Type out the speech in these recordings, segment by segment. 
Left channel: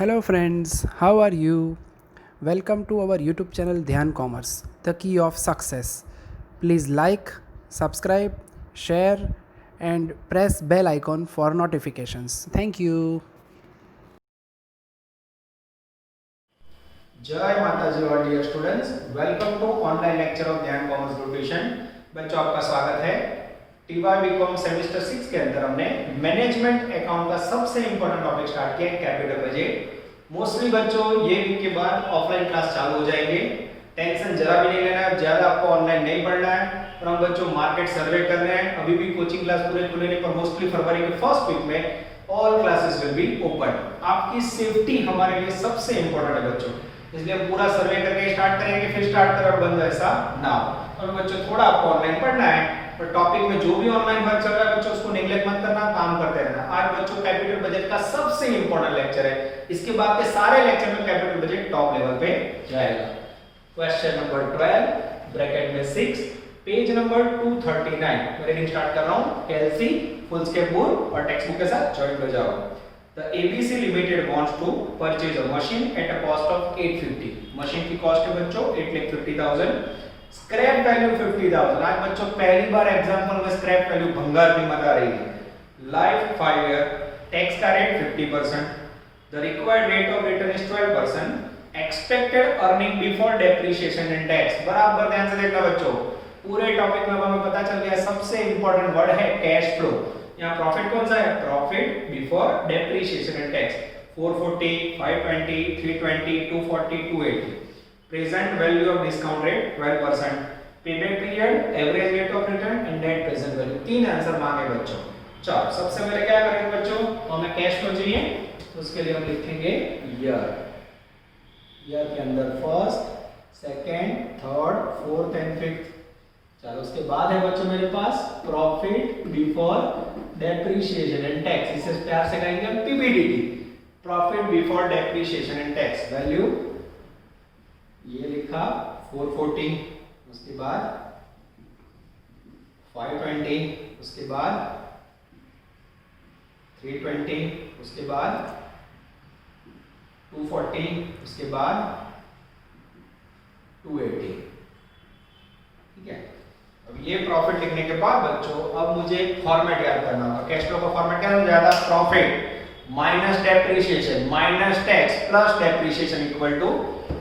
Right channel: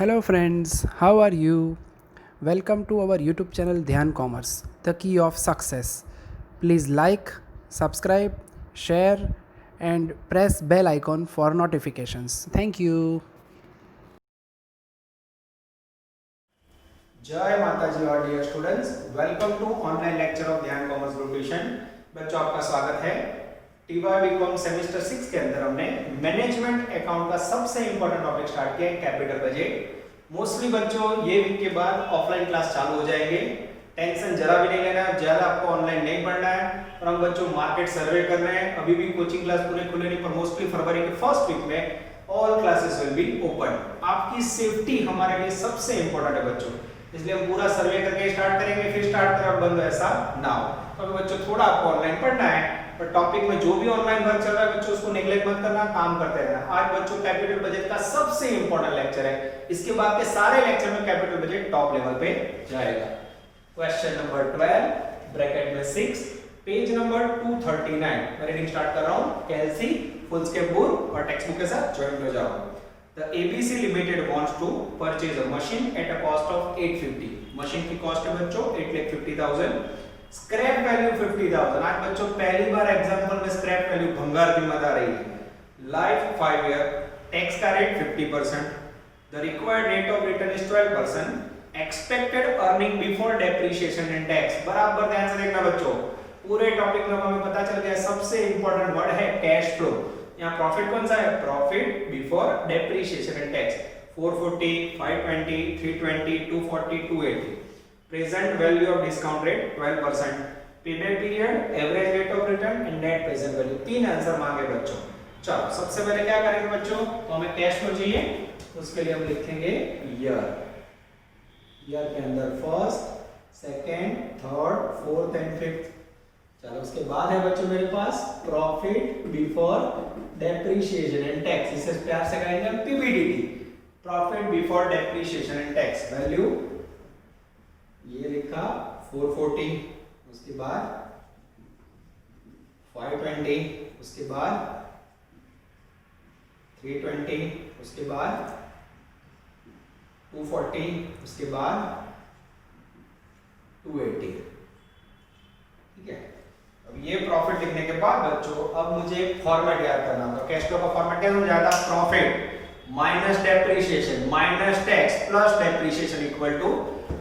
Hello friends, how are you? Welcome to our YouTube channel Dhyan Commerce, the key of success. Please like, subscribe, share and press bell icon for notifications. Thank you. जय माता जी और dear students, welcome to online lecture of Dhyan commerce group tuition. बच्चों आपका स्वागत है। TY BCom semester 6 के अंदर हमने management account का सबसे इंपॉर्टेंट टॉपिक स्टार्ट किया है, कैपिटल बजट। मोस्टली बच्चों ये वीक के बाद ऑफलाइन क्लास चालू हो जाएंगे, टेंशन जरा भी नहीं लेना है, ज्यादा आपको ऑनलाइन नहीं पढ़ना है। और हम बच्चों मार्केट सर्वे कर रहे हैं, अभी भी कोचिंग क्लास पूरे खुले नहीं, पर मोस्टली फरवरी के फर्स्ट वीक में all classes will be open. आपकी सेफ्टी हमारे लिए सबसे इंपॉर्टेंट है बच्चों, इसलिए हम पूरा सर्वे करके स्टार्ट करेंगे, फिर स्टार्ट करें और बंद ऐसा ना हो। तो बच्चों थोड़ा आपको ऑनलाइन पढ़ना है, पर टॉपिक में जो भी ऑनलाइन वर्क चल रहा है बच्चों उसको नेग्लेक्ट मत करना, काम करते रहना। आज बच्चों कैपिटल बजट का सबसे इंपॉर्टेंट लेक्चर है, इसके बाद के सारे लेक्चर में कैपिटल बजट टॉप लेवल पे जाएगा। क्वेश्चन नंबर 12 ब्रैकेट में 6 पेज नंबर 239 मैं रीडिंग स्टार्ट कर रहा हूं। कैलसी फुल स्केप बोर्ड और टेक्स्ट बुक के साथ ज्वाइन हो जाओ। The ABC Limited wants to purchase a machine at a cost of 850. Machine की कॉस्ट है बच्चों 8,50,000, स्क्रैप वैल्यू 50,000। आज बच्चों पहली बार एग्जांपल में स्क्रैप वैल्यू भंगार कीमत आ रही है। लाइफ 5 ईयर, टैक्स का rate 50%, the required rate of return is 12%, expected earning before depreciation and tax. बराबर ध्यान से देखना बच्चों, पूरे टॉपिक में हमें पता चल गया सबसे इंपॉर्टेंट वर्ड है कैश फ्लो। यहाँ प्रॉफिट कौन सा है? Profit before depreciation and tax 440, 520, 320, 240, 280। Present value of discount rate 12%, payback period, average rate of return and net present value. तीन आंसर मांगे बच्चों। चलो सबसे पहले क्या करेंगे बच्चों, तो हमें कैश फ्लो चाहिए, उसके लिए हम लिखेंगे ईयर। ईयर के अंदर first, second, third, fourth and fifth. चलो उसके बाद है बच्चों मेरे पास profit before depreciation and tax, इसे प्यार से कहेंगे हम PBDT, profit before depreciation and tax. Value ये लिखा 440, उसके बाद 520, उसके बाद 320, उसके बाद 240, उसके बाद 280। ठीक है, अब ये प्रॉफिट लिखने के बाद बच्चों अब मुझे एक फॉर्मेट याद करना होगा। कैश फ्लो का फॉर्मेट क्या समझाया था? Profit minus depreciation minus tax plus depreciation equal to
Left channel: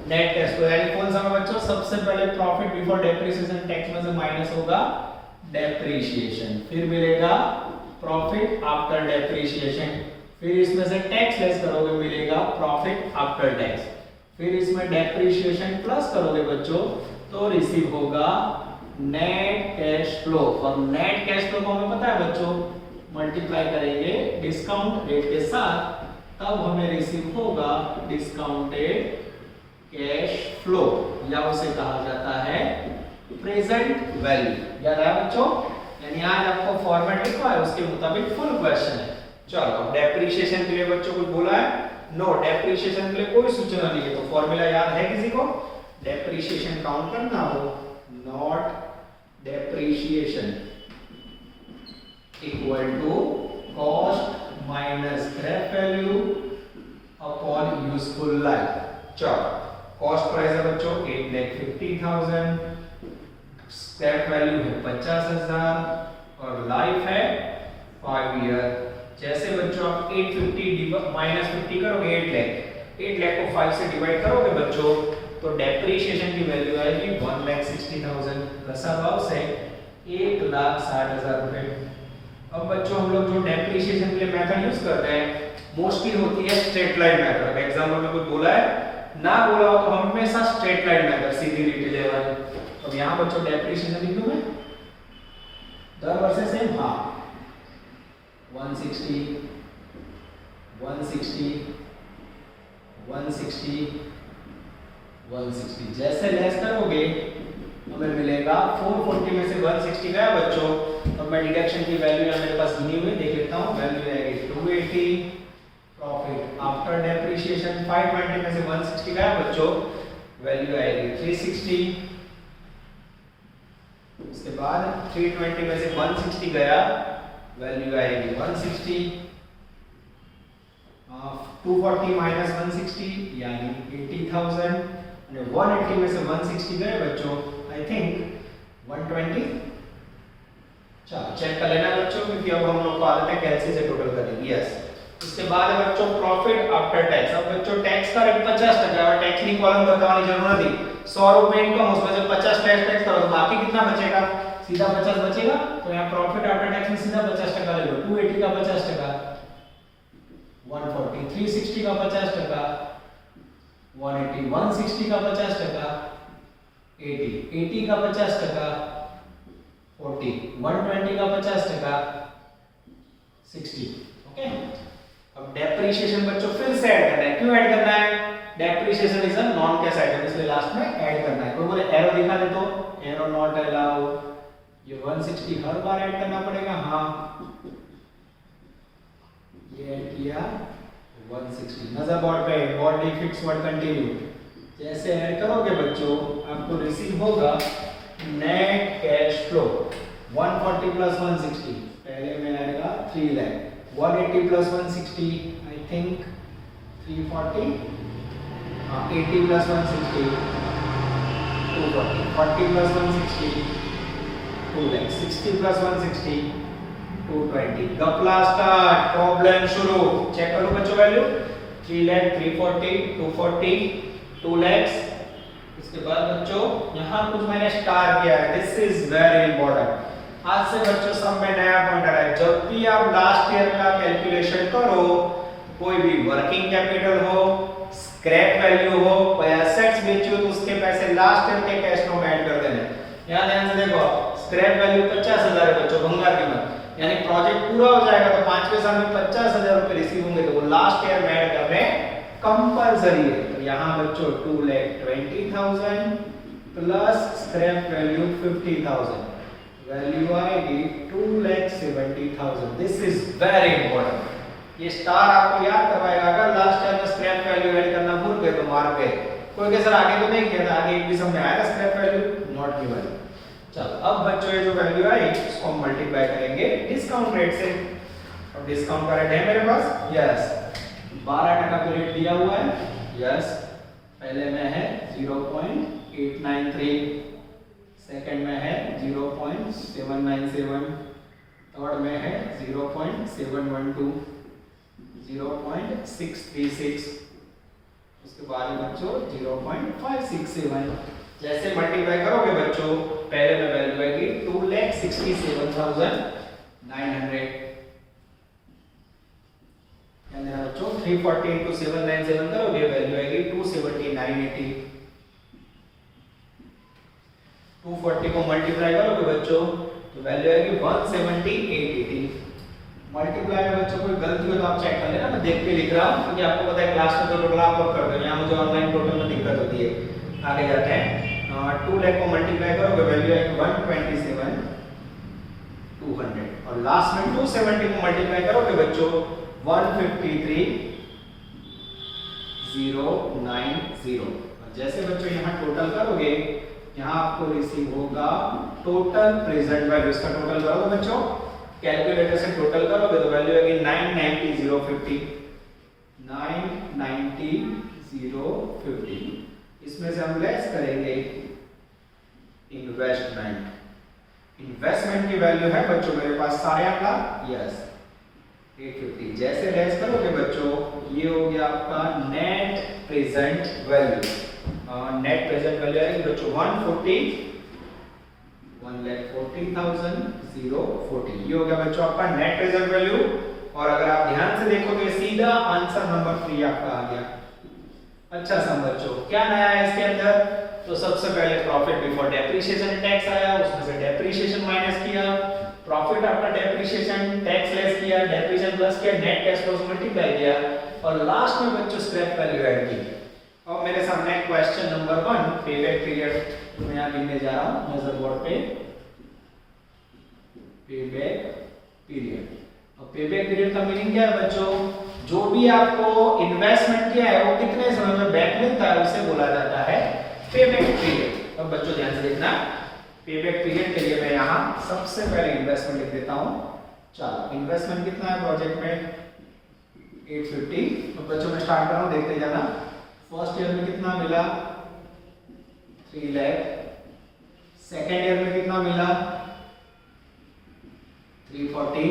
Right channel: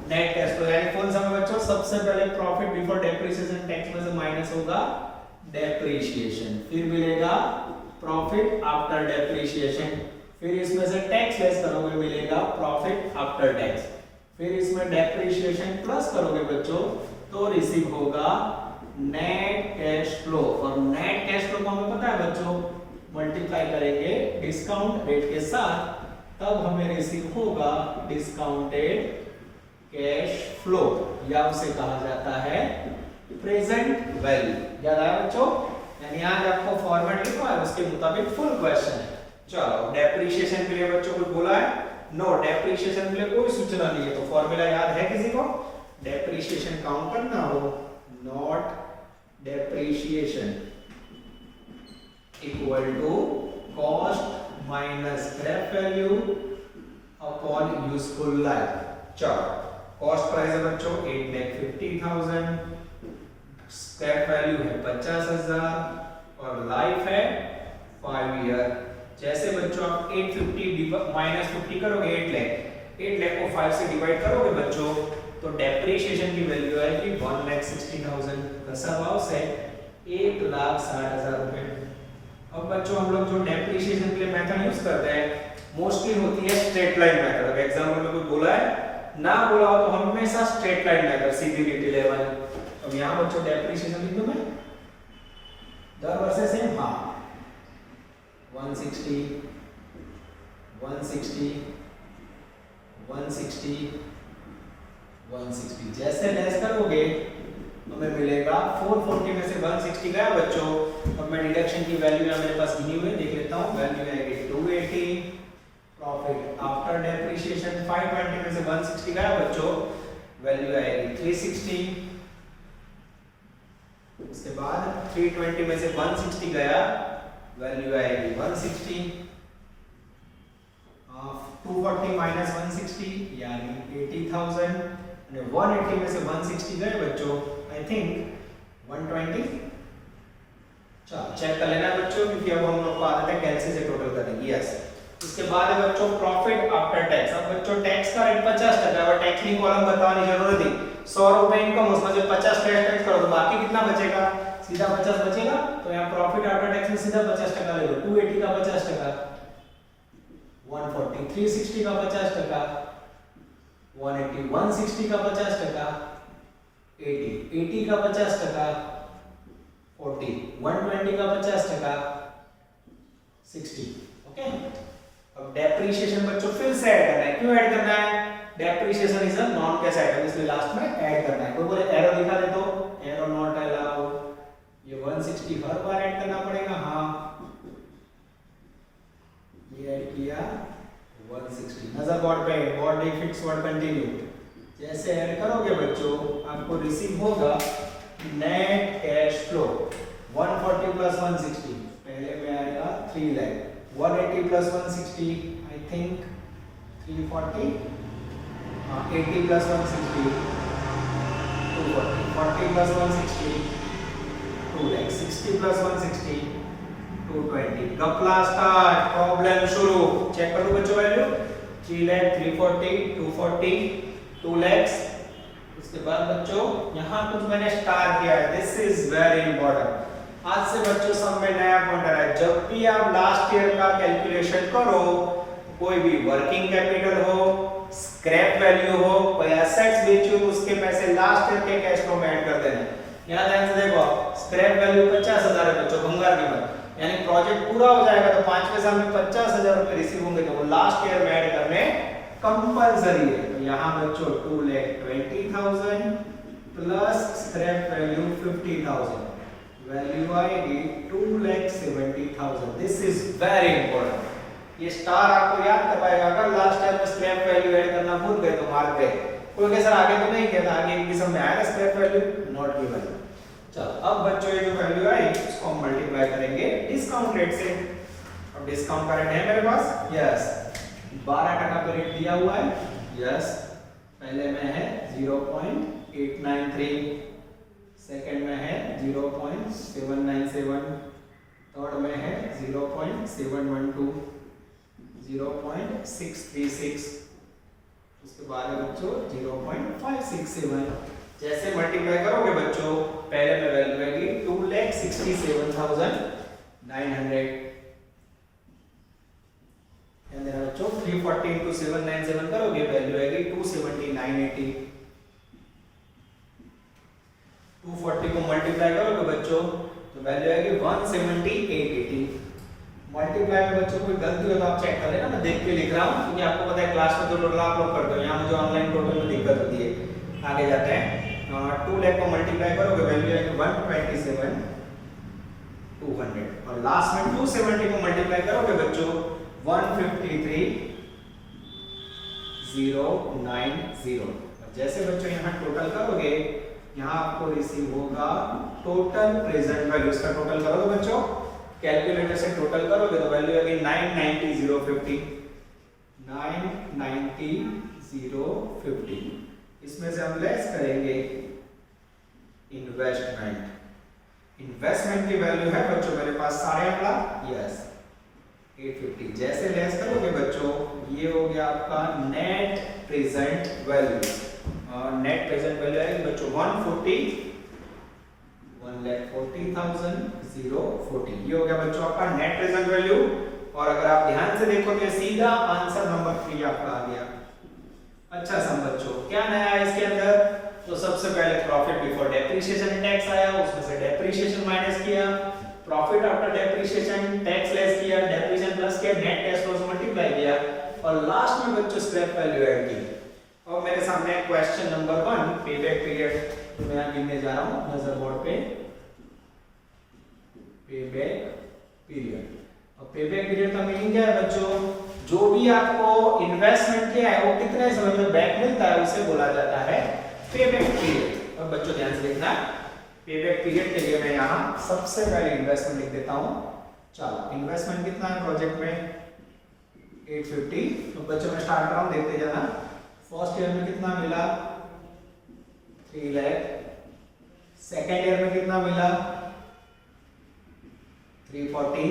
net cash flow. यानी कौन सा बच्चों? सबसे पहले प्रॉफिट बिफोर डेप्रिसिएशन टैक्स में से माइनस होगा डेप्रिसिएशन, फिर मिलेगा प्रॉफिट आफ्टर डेप्रिसिएशन, फिर इसमें से टैक्स लेस करोगे मिलेगा प्रॉफिट आफ्टर टैक्स, फिर इसमें डेप्रिसिएशन प्लस करोगे बच्चों तो रिसीव होगा नेट कैश फ्लो। और नेट कैश फ्लो को हमें पता है बच्चों, मल्टीप्लाई करेंगे डिस्काउंट रेट के साथ, तब हमें रिसीव होगा डिस्काउंटेड कैश फ्लो, या उसे कहा जाता है प्रेजेंट वैल्यू। याद आया बच्चों? यानी आज आपको फॉर्मेट लिखा है उसके मुताबिक फुल क्वेश्चन है। चलो डेप्रिसिएशन के लिए बच्चों कुछ बोला है? नो, डेप्रिसिएशन के लिए कोई सूचना नहीं है, तो फॉर्मूला याद है किसी को? डेप्रिसिएशन काउंट करना हो, note depreciation equal to cost minus scrap value upon useful life. चलो कॉस्ट प्राइस है बच्चों 8,50,000, स्क्रैप वैल्यू है 50,000 और लाइफ है 5 ईयर। जैसे बच्चों आप 850 माइनस 50 करोगे 8 लाख को 5 से डिवाइड करोगे बच्चों तो डेप्रिसिएशन की वैल्यू आएगी 1,60,000। दशमलव से 1,60,000 रुपए। अब बच्चों हम लोग जो डेप्रिसिएशन के लिए मेथड यूज करते हैं मोस्टली होती है स्ट्रेट लाइन मेथड। अगर एग्जाम्पल में कोई बोला है ना बोला हो तो हमेशा स्ट्रेट लाइन मेथड, सीधी लीटी लेवल। अब यहाँ बच्चों डेप्रिसिएशन लिख दूं मैं दर वर्ष से, हाँ 160, 160, 160, 160। जैसे लेस करोगे हमें मिलेगा 440 में से 160 गया बच्चों। अब मैं डिडक्शन की वैल्यू मेरे पास गिनी हुई देख लेता हूँ। वैल्यू आएगी 280, प्रॉफिट आफ्टर डेप्रिसिएशन 520 में से 160 गया बच्चों, वैल्यू आएगी 360, उसके बाद 320 में से 160 गया, वैल्यू आएगी 160, 240 माइनस 160 यानी 80,000 અને 180 में से 160 गए बच्चों आई थिंक 120। चलो चेक कर लेना बच्चों क्योंकि अब हम लोग को आदत है कैलसी से टोटल करेंगे। यस उसके बाद है बच्चों प्रॉफिट आफ्टर टैक्स। अब बच्चों टैक्स का रेट 50% और टैक्स की कॉलम बताने की जरूरत नहीं। 100 रुपए इनकम उसमें से 50 टैक्स करो तो बाकी कितना बचेगा, सीधा 50 बचेगा। तो यहाँ प्रॉफिट आफ्टर टैक्स में सीधा 50% ले लो। 280 का 50%, 140 360 का 50%, 180 160 का 50%, 80 का 50%, 40 120 का 50%, 60। ओके अब डेप्रिसिएशन बच्चों फिर से ऐड करना है। क्यों ऐड करना है? Depreciation is a non cash item इसलिए लास्ट में ऐड करना है। कोई बोले एरो दिखा दे तो एरो नॉट अलाउ। ये 160 हर बार ऐड करना पड़ेगा। हाँ ये ऐड किया 160। नजर बोर्ड पे व्हाट डिफिट्स व्हाट कंटिन्यू जैसे ऐड करोगे बच्चों आपको रिसीव होगा नेट कैश फ्लो 140 प्लस 160 पहले में आएगा 3 lakh. 180 plus 160 I think 340। 80 plus 160 240। 40 plus 160 2 lakh. 60 plus 160 220। गपला स्टार्ट प्रॉब्लम शुरू। चेक करो बच्चों वैल्यू 3 लाख 340 240 2 लाख। इसके बाद बच्चों यहाँ कुछ मैंने स्टार किया है। This is very important. आज से बच्चों सब में नया पॉइंट आ रहा है। जब भी आप लास्ट ईयर का कैलकुलेशन करो कोई भी वर्किंग कैपिटल हो स्क्रैप वैल्यू हो कोई एसेट्स बेची हो तो उसके पैसे लास्ट ईयर के कैश फ्लो में ऐड कर देना। यहाँ ध्यान से देखो स्क्रैप वैल्यू 50,000 है बच्चों भंगार कीमत यानी प्रोजेक्ट पूरा हो जाएगा तो 5वें साल में 50,000 रुपए रिसीव होंगे तो वो लास्ट ईयर में ऐड करने कंपलसरी है। तो यहाँ बच्चों 2,20,000 प्लस स्क्रैप वैल्यू 50,000 वैल्यू आएगी 2,70,000। This is very important. ये स्टार आपको याद करवाएगा। अगर लास्ट ईयर में स्क्रैप वैल्यू ऐड करना भूल गए तो मार गए। कोई के सर आगे तो नहीं किया था आगे भी समझ में आया स्क्रैप वैल्यू नॉट गिवन। चलो अब बच्चों ये जो वैल्यू आई इसको हम मल्टीप्लाई करेंगे डिस्काउंट रेट से। अब डिस्काउंट का रेट है मेरे पास। यस 12% का रेट दिया हुआ है। यस पहले में है 0.893 सेकंड में है 0.797 थर्ड में है 0.712 0.636 उसके बाद में बच्चों 0.567। जैसे मल्टीप्लाई करोगे बच्चों पहले में वैल्यू आएगी 2,67,900 यानी बच्चों 340 into 797 करोगे वैल्यू आएगी 270,980। 240 को मल्टीप्लाई करोगे बच्चों तो वैल्यू आएगी 170,880। मल्टीप्लाई में बच्चों कोई गलती हो तो आप चेक कर लेना। मैं देख के लिख रहा हूँ क्योंकि आपको पता है क्लास में तो टोटल आप लोग करते हो। यहाँ मुझे ऑनलाइन टोटल में दिक्कत होती है। आगे जाते हैं 2 लाख को मल्टीप्लाई करोगे वैल्यू आएगी 127,200 और लास्ट में 270 को मल्टीप्लाई करोगे बच्चों 153,090 और जैसे बच्चों यहाँ टोटल करोगे यहाँ आपको रिसीव होगा टोटल प्रेजेंट वैल्यू। इसका टोटल करोगे बच्चों कैलकुलेटर से टोटल करोगे तो वैल्यू आएगी 990,050 990,050। इसमें से हम लेस करेंगे इन्वेस्टमेंट। इन्वेस्टमेंट की वैल्यू है बच्चों मेरे पास 8.5 लाख। यस 850। जैसे लेस करोगे बच्चों ये हो गया आपका net present value. Net present value आएगी बच्चों 1,40,040 ये हो गया बच्चों आपका नेट प्रेजेंट वैल्यू। और अगर आप ध्यान से देखोगे सीधा आंसर नंबर 3 आपका आ गया। अच्छा सम बच्चों क्या नया है इसके अंदर? तो सबसे पहले प्रॉफिट बिफोर डेप्रिसिएशन टैक्स आया उसमें से डेप्रिसिएशन माइनस किया profit after depreciation tax less किया डेप्रिसिएशन प्लस किया नेट कैश फ्लो से मल्टीप्लाई किया और लास्ट में बच्चों स्क्रैप वैल्यू ऐड की। और मेरे सामने क्वेश्चन नंबर 1 पेबैक पीरियड मैं यहां गिनने जा रहा हूं नजर बोर्ड पे। पेबैक पीरियड और पेबैक पीरियड का मीनिंग क्या है बच्चों? जो भी आपको इन्वेस्टमेंट किया है वो कितने समय में बैक मिलता है उसे बोला जाता है पेबैक पीरियड। अब बच्चों ध्यान से देखना पेबैक पीरियड के लिए मैं यहाँ सबसे पहले इन्वेस्टमेंट लिख देता हूँ। चलो इन्वेस्टमेंट कितना है प्रोजेक्ट में 850। तो बच्चों मैं स्टार्ट कर रहा हूँ, देखते जाना। फर्स्ट ईयर में कितना मिला 3 लाख, सेकेंड ईयर में कितना मिला 340,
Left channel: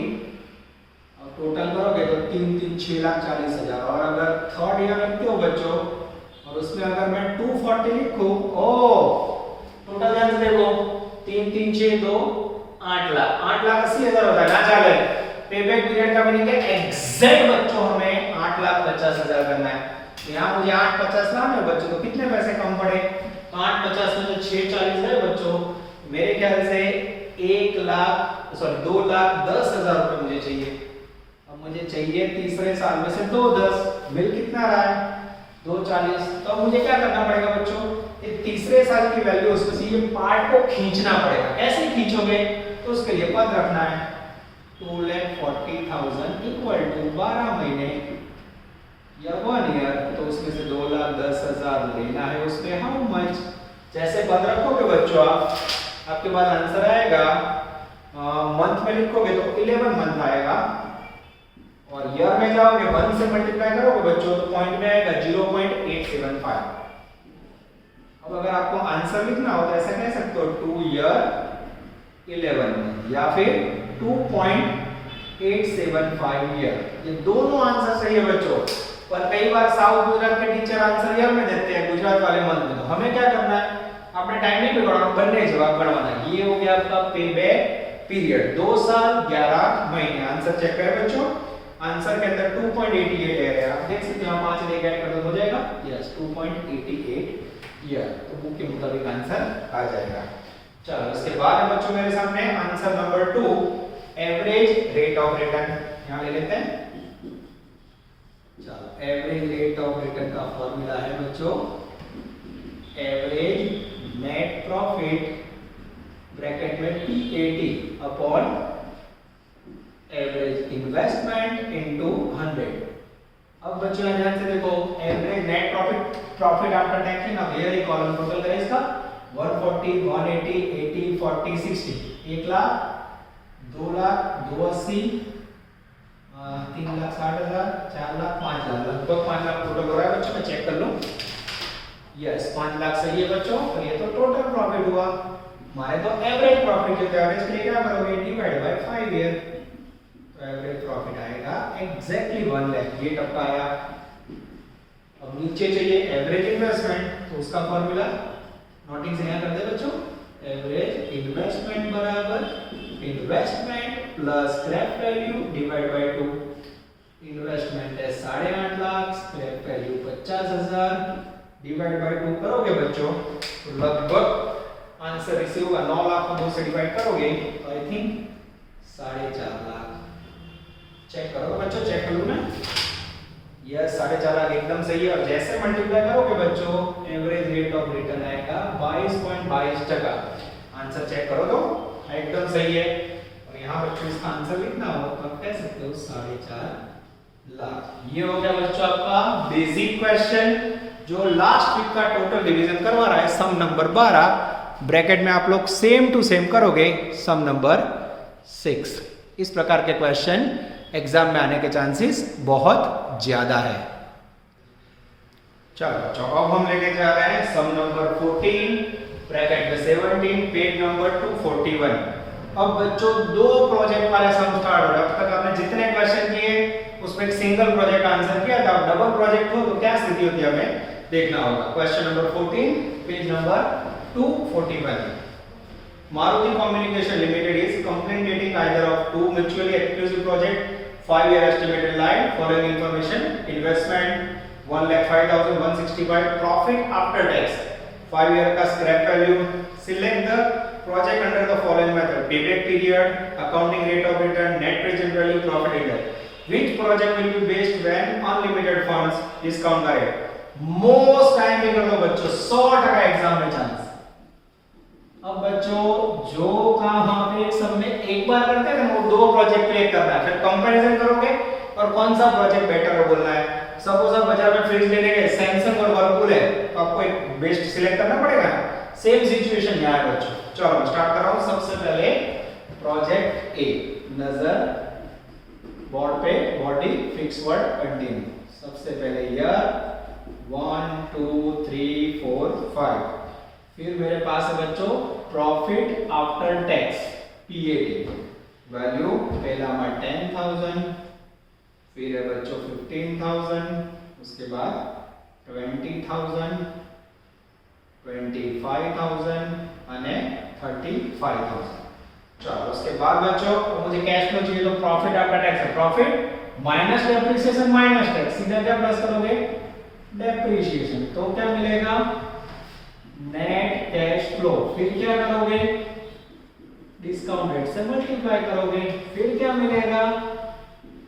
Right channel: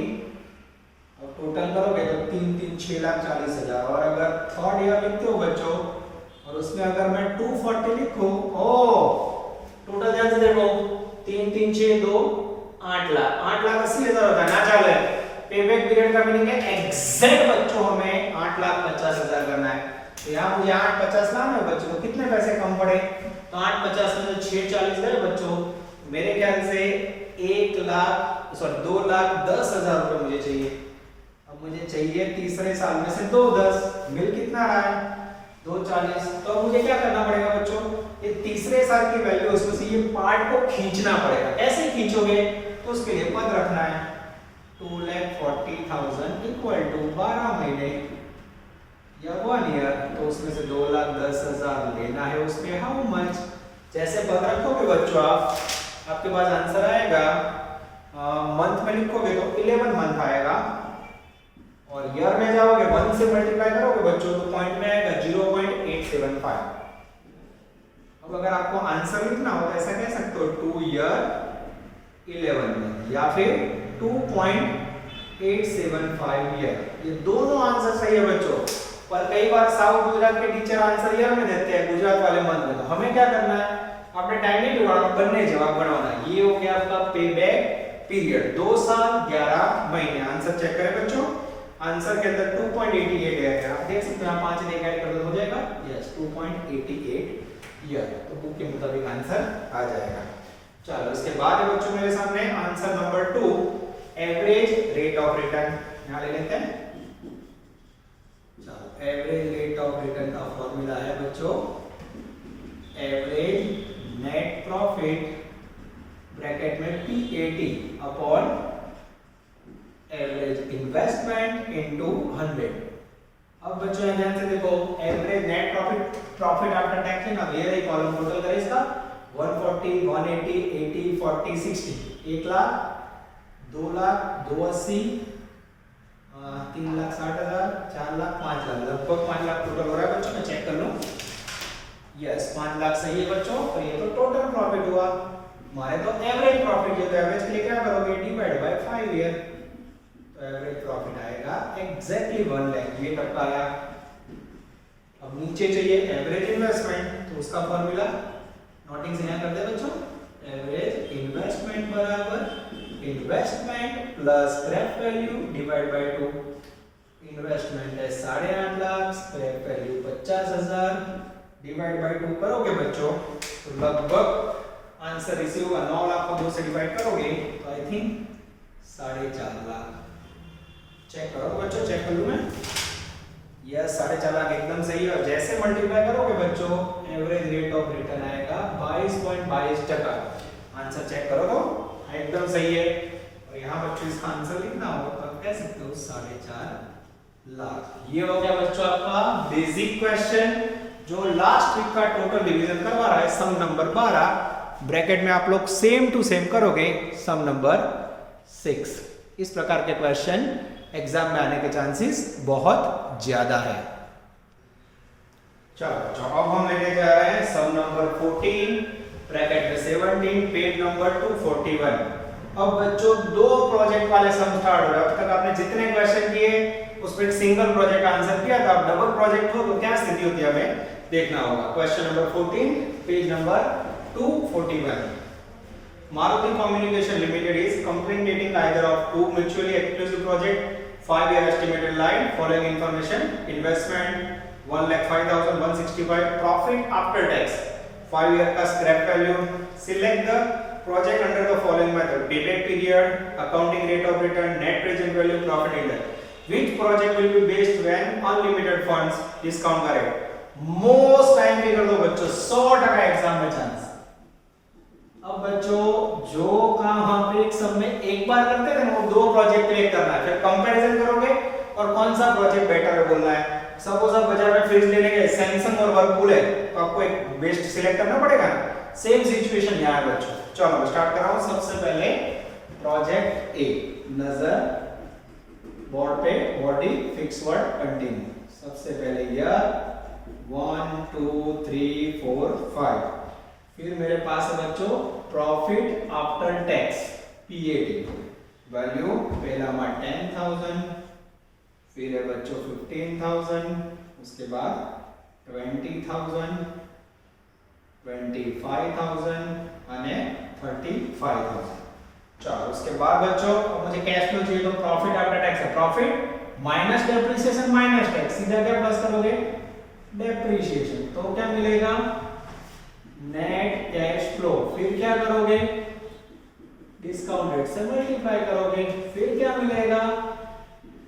और टोटल करोगे तो 6,40,000। और अगर थर्ड ईयर लिखते हो बच्चों और उसमें अगर मैं 240 लिखूं, ओ टोटल ध्यान से देखो 3 3 6 2 8 लाख, 8,80,000 होता है ना। चले पेबैक पीरियड का मीनिंग है एग्जैक्ट बच्चों हमें 8,50,000 करना है। तो यहाँ मुझे 850 लाना है बच्चों, तो कितने पैसे कम पड़े, तो 850 में तो 640 है बच्चों। मेरे ख्याल से 2,10,000 रुपए मुझे चाहिए। अब मुझे चाहिए तीसरे साल में से 2,10, मिल कितना रहा है 2,40। तो मुझे क्या करना पड़ेगा बच्चों, ये तीसरे साल की वैल्यू उसको ये पार्ट को खींचना पड़ेगा। ऐसे खींचोगे तो उसके लिए पद रखना है 2,40,000 इक्वल टू 12 महीने या 1 ईयर, तो उसमें से 2,10,000 लेना है। उसमें हाउ मच, जैसे पद रखोगे बच्चों आपके पास आंसर आएगा। मंथ में लिखोगे तो 11 मंथ आएगा, और ईयर में जाओगे 1 से मल्टीप्लाई करोगे बच्चों तो पॉइंट में आएगा 0.875। अब अगर आपको आंसर लिखना हो तो ऐसा कह सकते हो 2 ईयर 11 मंथ या फिर 2.875 ईयर। ये दोनों आंसर सही है बच्चों, पर कई बार साउथ गुजरात के टीचर आंसर ईयर में देते हैं, गुजरात वाले मंथ में। तो हमें क्या करना है, आपने टाइम नहीं बिगाड़ना, बनने जवाब बनवाना। ये हो गया आपका पेबैक पीरियड 2 साल 11 महीने। आंसर चेक करें बच्चों, आंसर के अंदर 2.88 है, आप देख सकते हो यहाँ 5 से ऐड कर दो हो जाएगा, यस 2.88 ईयर। तो बुक के मुताबिक आंसर आ जाएगा। चलो इसके बाद है बच्चों मेरे सामने answer number 2, average rate of return. यहाँ ले लेते हैं। चलो एवरेज रेट ऑफ रिटर्न का फॉर्मूला है बच्चों, एवरेज नेट प्रॉफिट ब्रैकेट में PAT upon average investment into 100। अब बच्चों ध्यान से देखो, average net profit after tax है ना, ये कॉलम टोटल करें इसका 140 180 80 40 60, 1 लाख 2 लाख 280 3,60,000 4 लाख 5 लाख, लगभग 5 लाख टोटल हो रहा है बच्चों। मैं चेक कर लूं, यस 5 लाख सही है बच्चों। तो ये तो टोटल प्रॉफिट हुआ, हमारे तो एवरेज प्रॉफिट है, तो एवरेज के लिए क्या करोगे डिवाइड बाय 5 ईयर, तो एवरेज प्रॉफिट आएगा एग्जैक्टली 1 लाख। ये टपका आया। अब नीचे चाहिए एवरेज इन्वेस्टमेंट, तो उसका फॉर्मूला नोटिंग से क्या कर दे बच्चों, एवरेज इन्वेस्टमेंट बराबर investment plus scrap value divide by 2। Investment है 8.5 lakh, scrap value 50,000 divide by 2 करोगे बच्चों तो लगभग आंसर इसे होगा 9 लाख को 2 से डिवाइड करोगे तो आई थिंक 4.5 लाख। चेक करो बच्चों, चेक कर लूं मैं, यस 4.5 लाख एकदम सही है। और जैसे मल्टीप्लाई करोगे बच्चों एवरेज रेट ऑफ रिटर्न आएगा 22.22%। आंसर चेक करो तो एकदम सही है। और यहाँ बच्चों इसका आंसर लिखना हो तो आप कह सकते हो 4.5 लाख। ये हो गया बच्चों आपका बेसिक क्वेश्चन, जो लास्ट वीक का टोटल डिवीजन करवा रहा है, सम नंबर 12। ब्रैकेट में आप लोग सेम टू सेम करोगे सम नंबर 6। इस प्रकार के क्वेश्चन एग्जाम में आने के चांसेस बहुत ज्यादा है। चलो अब हम लेके जा रहे हैं सम नंबर 14 ब्रैकेट में 17, पेज नंबर 241। अब बच्चों 2 प्रोजेक्ट वाले सम स्टार्ट हो रहे हैं। अब तक आपने जितने क्वेश्चन किए उसमें एक सिंगल प्रोजेक्ट आंसर किया था, अब डबल प्रोजेक्ट हो तो क्या स्थिति होती है हमें देखना होगा। Question number 14 page number 241। Maruti Communication Limited is completing either of 2 mutually exclusive project, 5-year estimated line, following information, investment 1,05,165, profit after tax 5-year का scrap value, select the project under the following method, payback period, accounting rate of return, net present value, profit index. Which project will be based when unlimited funds discount का rate? Most time भी कर दो बच्चों, 100% exam में chance. अब बच्चों जो काम वहां पे एक सब में एक बार करते हैं ना, वो 2 प्रोजेक्ट क्रिएट करना है, फिर कंपैरिजन करोगे और कौन सा प्रोजेक्ट बेटर है बोलना है। सपोज आप बाजार में फ्रिज लेने गए, सैमसंग और वर्लपूल है, तो आपको एक बेस्ट सिलेक्ट करना पड़ेगा। सेम सिचुएशन यहाँ है बच्चों। चलो मैं स्टार्ट कर रहा हूं। सबसे पहले प्रोजेक्ट ए, नजर बोर्ड पे बॉडी फिक्स वर्ड कंटिन्यू। सबसे पहले ईयर 1 2 3 4 5। फिर मेरे पास है बच्चों profit after tax PAT, value पहला में 10,000, फिर है बच्चों 15,000, उसके बाद 20,000, 25,000 અને 35,000। चलो उसके बाद बच्चों मुझे कैश फ्लो चाहिए तो प्रॉफिट आफ्टर टैक्स है, profit minus depreciation minus tax, सीधा क्या प्लस करोगे डेप्रिसिएशन, तो क्या मिलेगा नेट कैश फ्लो। फिर क्या करोगे डिस्काउंट रेट से मल्टीप्लाई करोगे, फिर क्या मिलेगा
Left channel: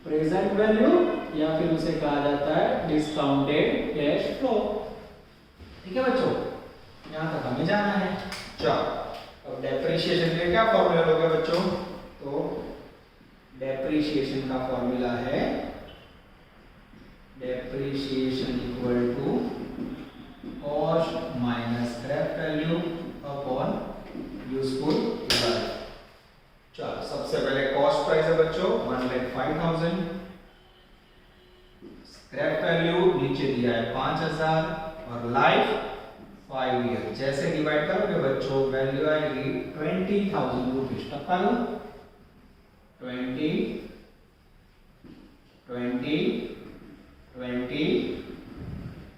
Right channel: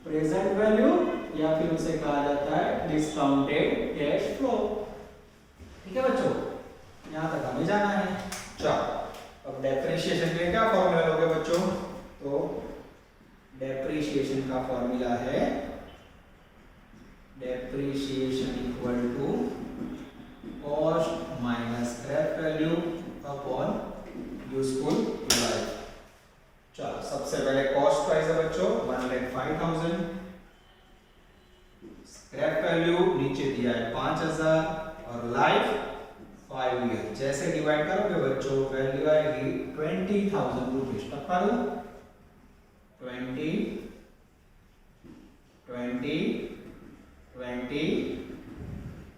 प्रेजेंट वैल्यू या फिर उसे कहा जाता है डिस्काउंटेड कैश फ्लो। ठीक है बच्चों, यहां तक हमें जाना है। चलो अब डेप्रिसिएशन के क्या फॉर्मूला लोगे बच्चों, तो डेप्रिसिएशन का फॉर्मूला है depreciation equal to cost minus scrap value upon useful life. चलो सबसे पहले कॉस्ट प्राइस है बच्चों 1,05,000, स्क्रैप वैल्यू नीचे दिया है 5,000 और लाइफ 5 ईयर। जैसे डिवाइड करोगे बच्चों वैल्यू आएगी 20,000 रुपीज। तब करो 20 20 20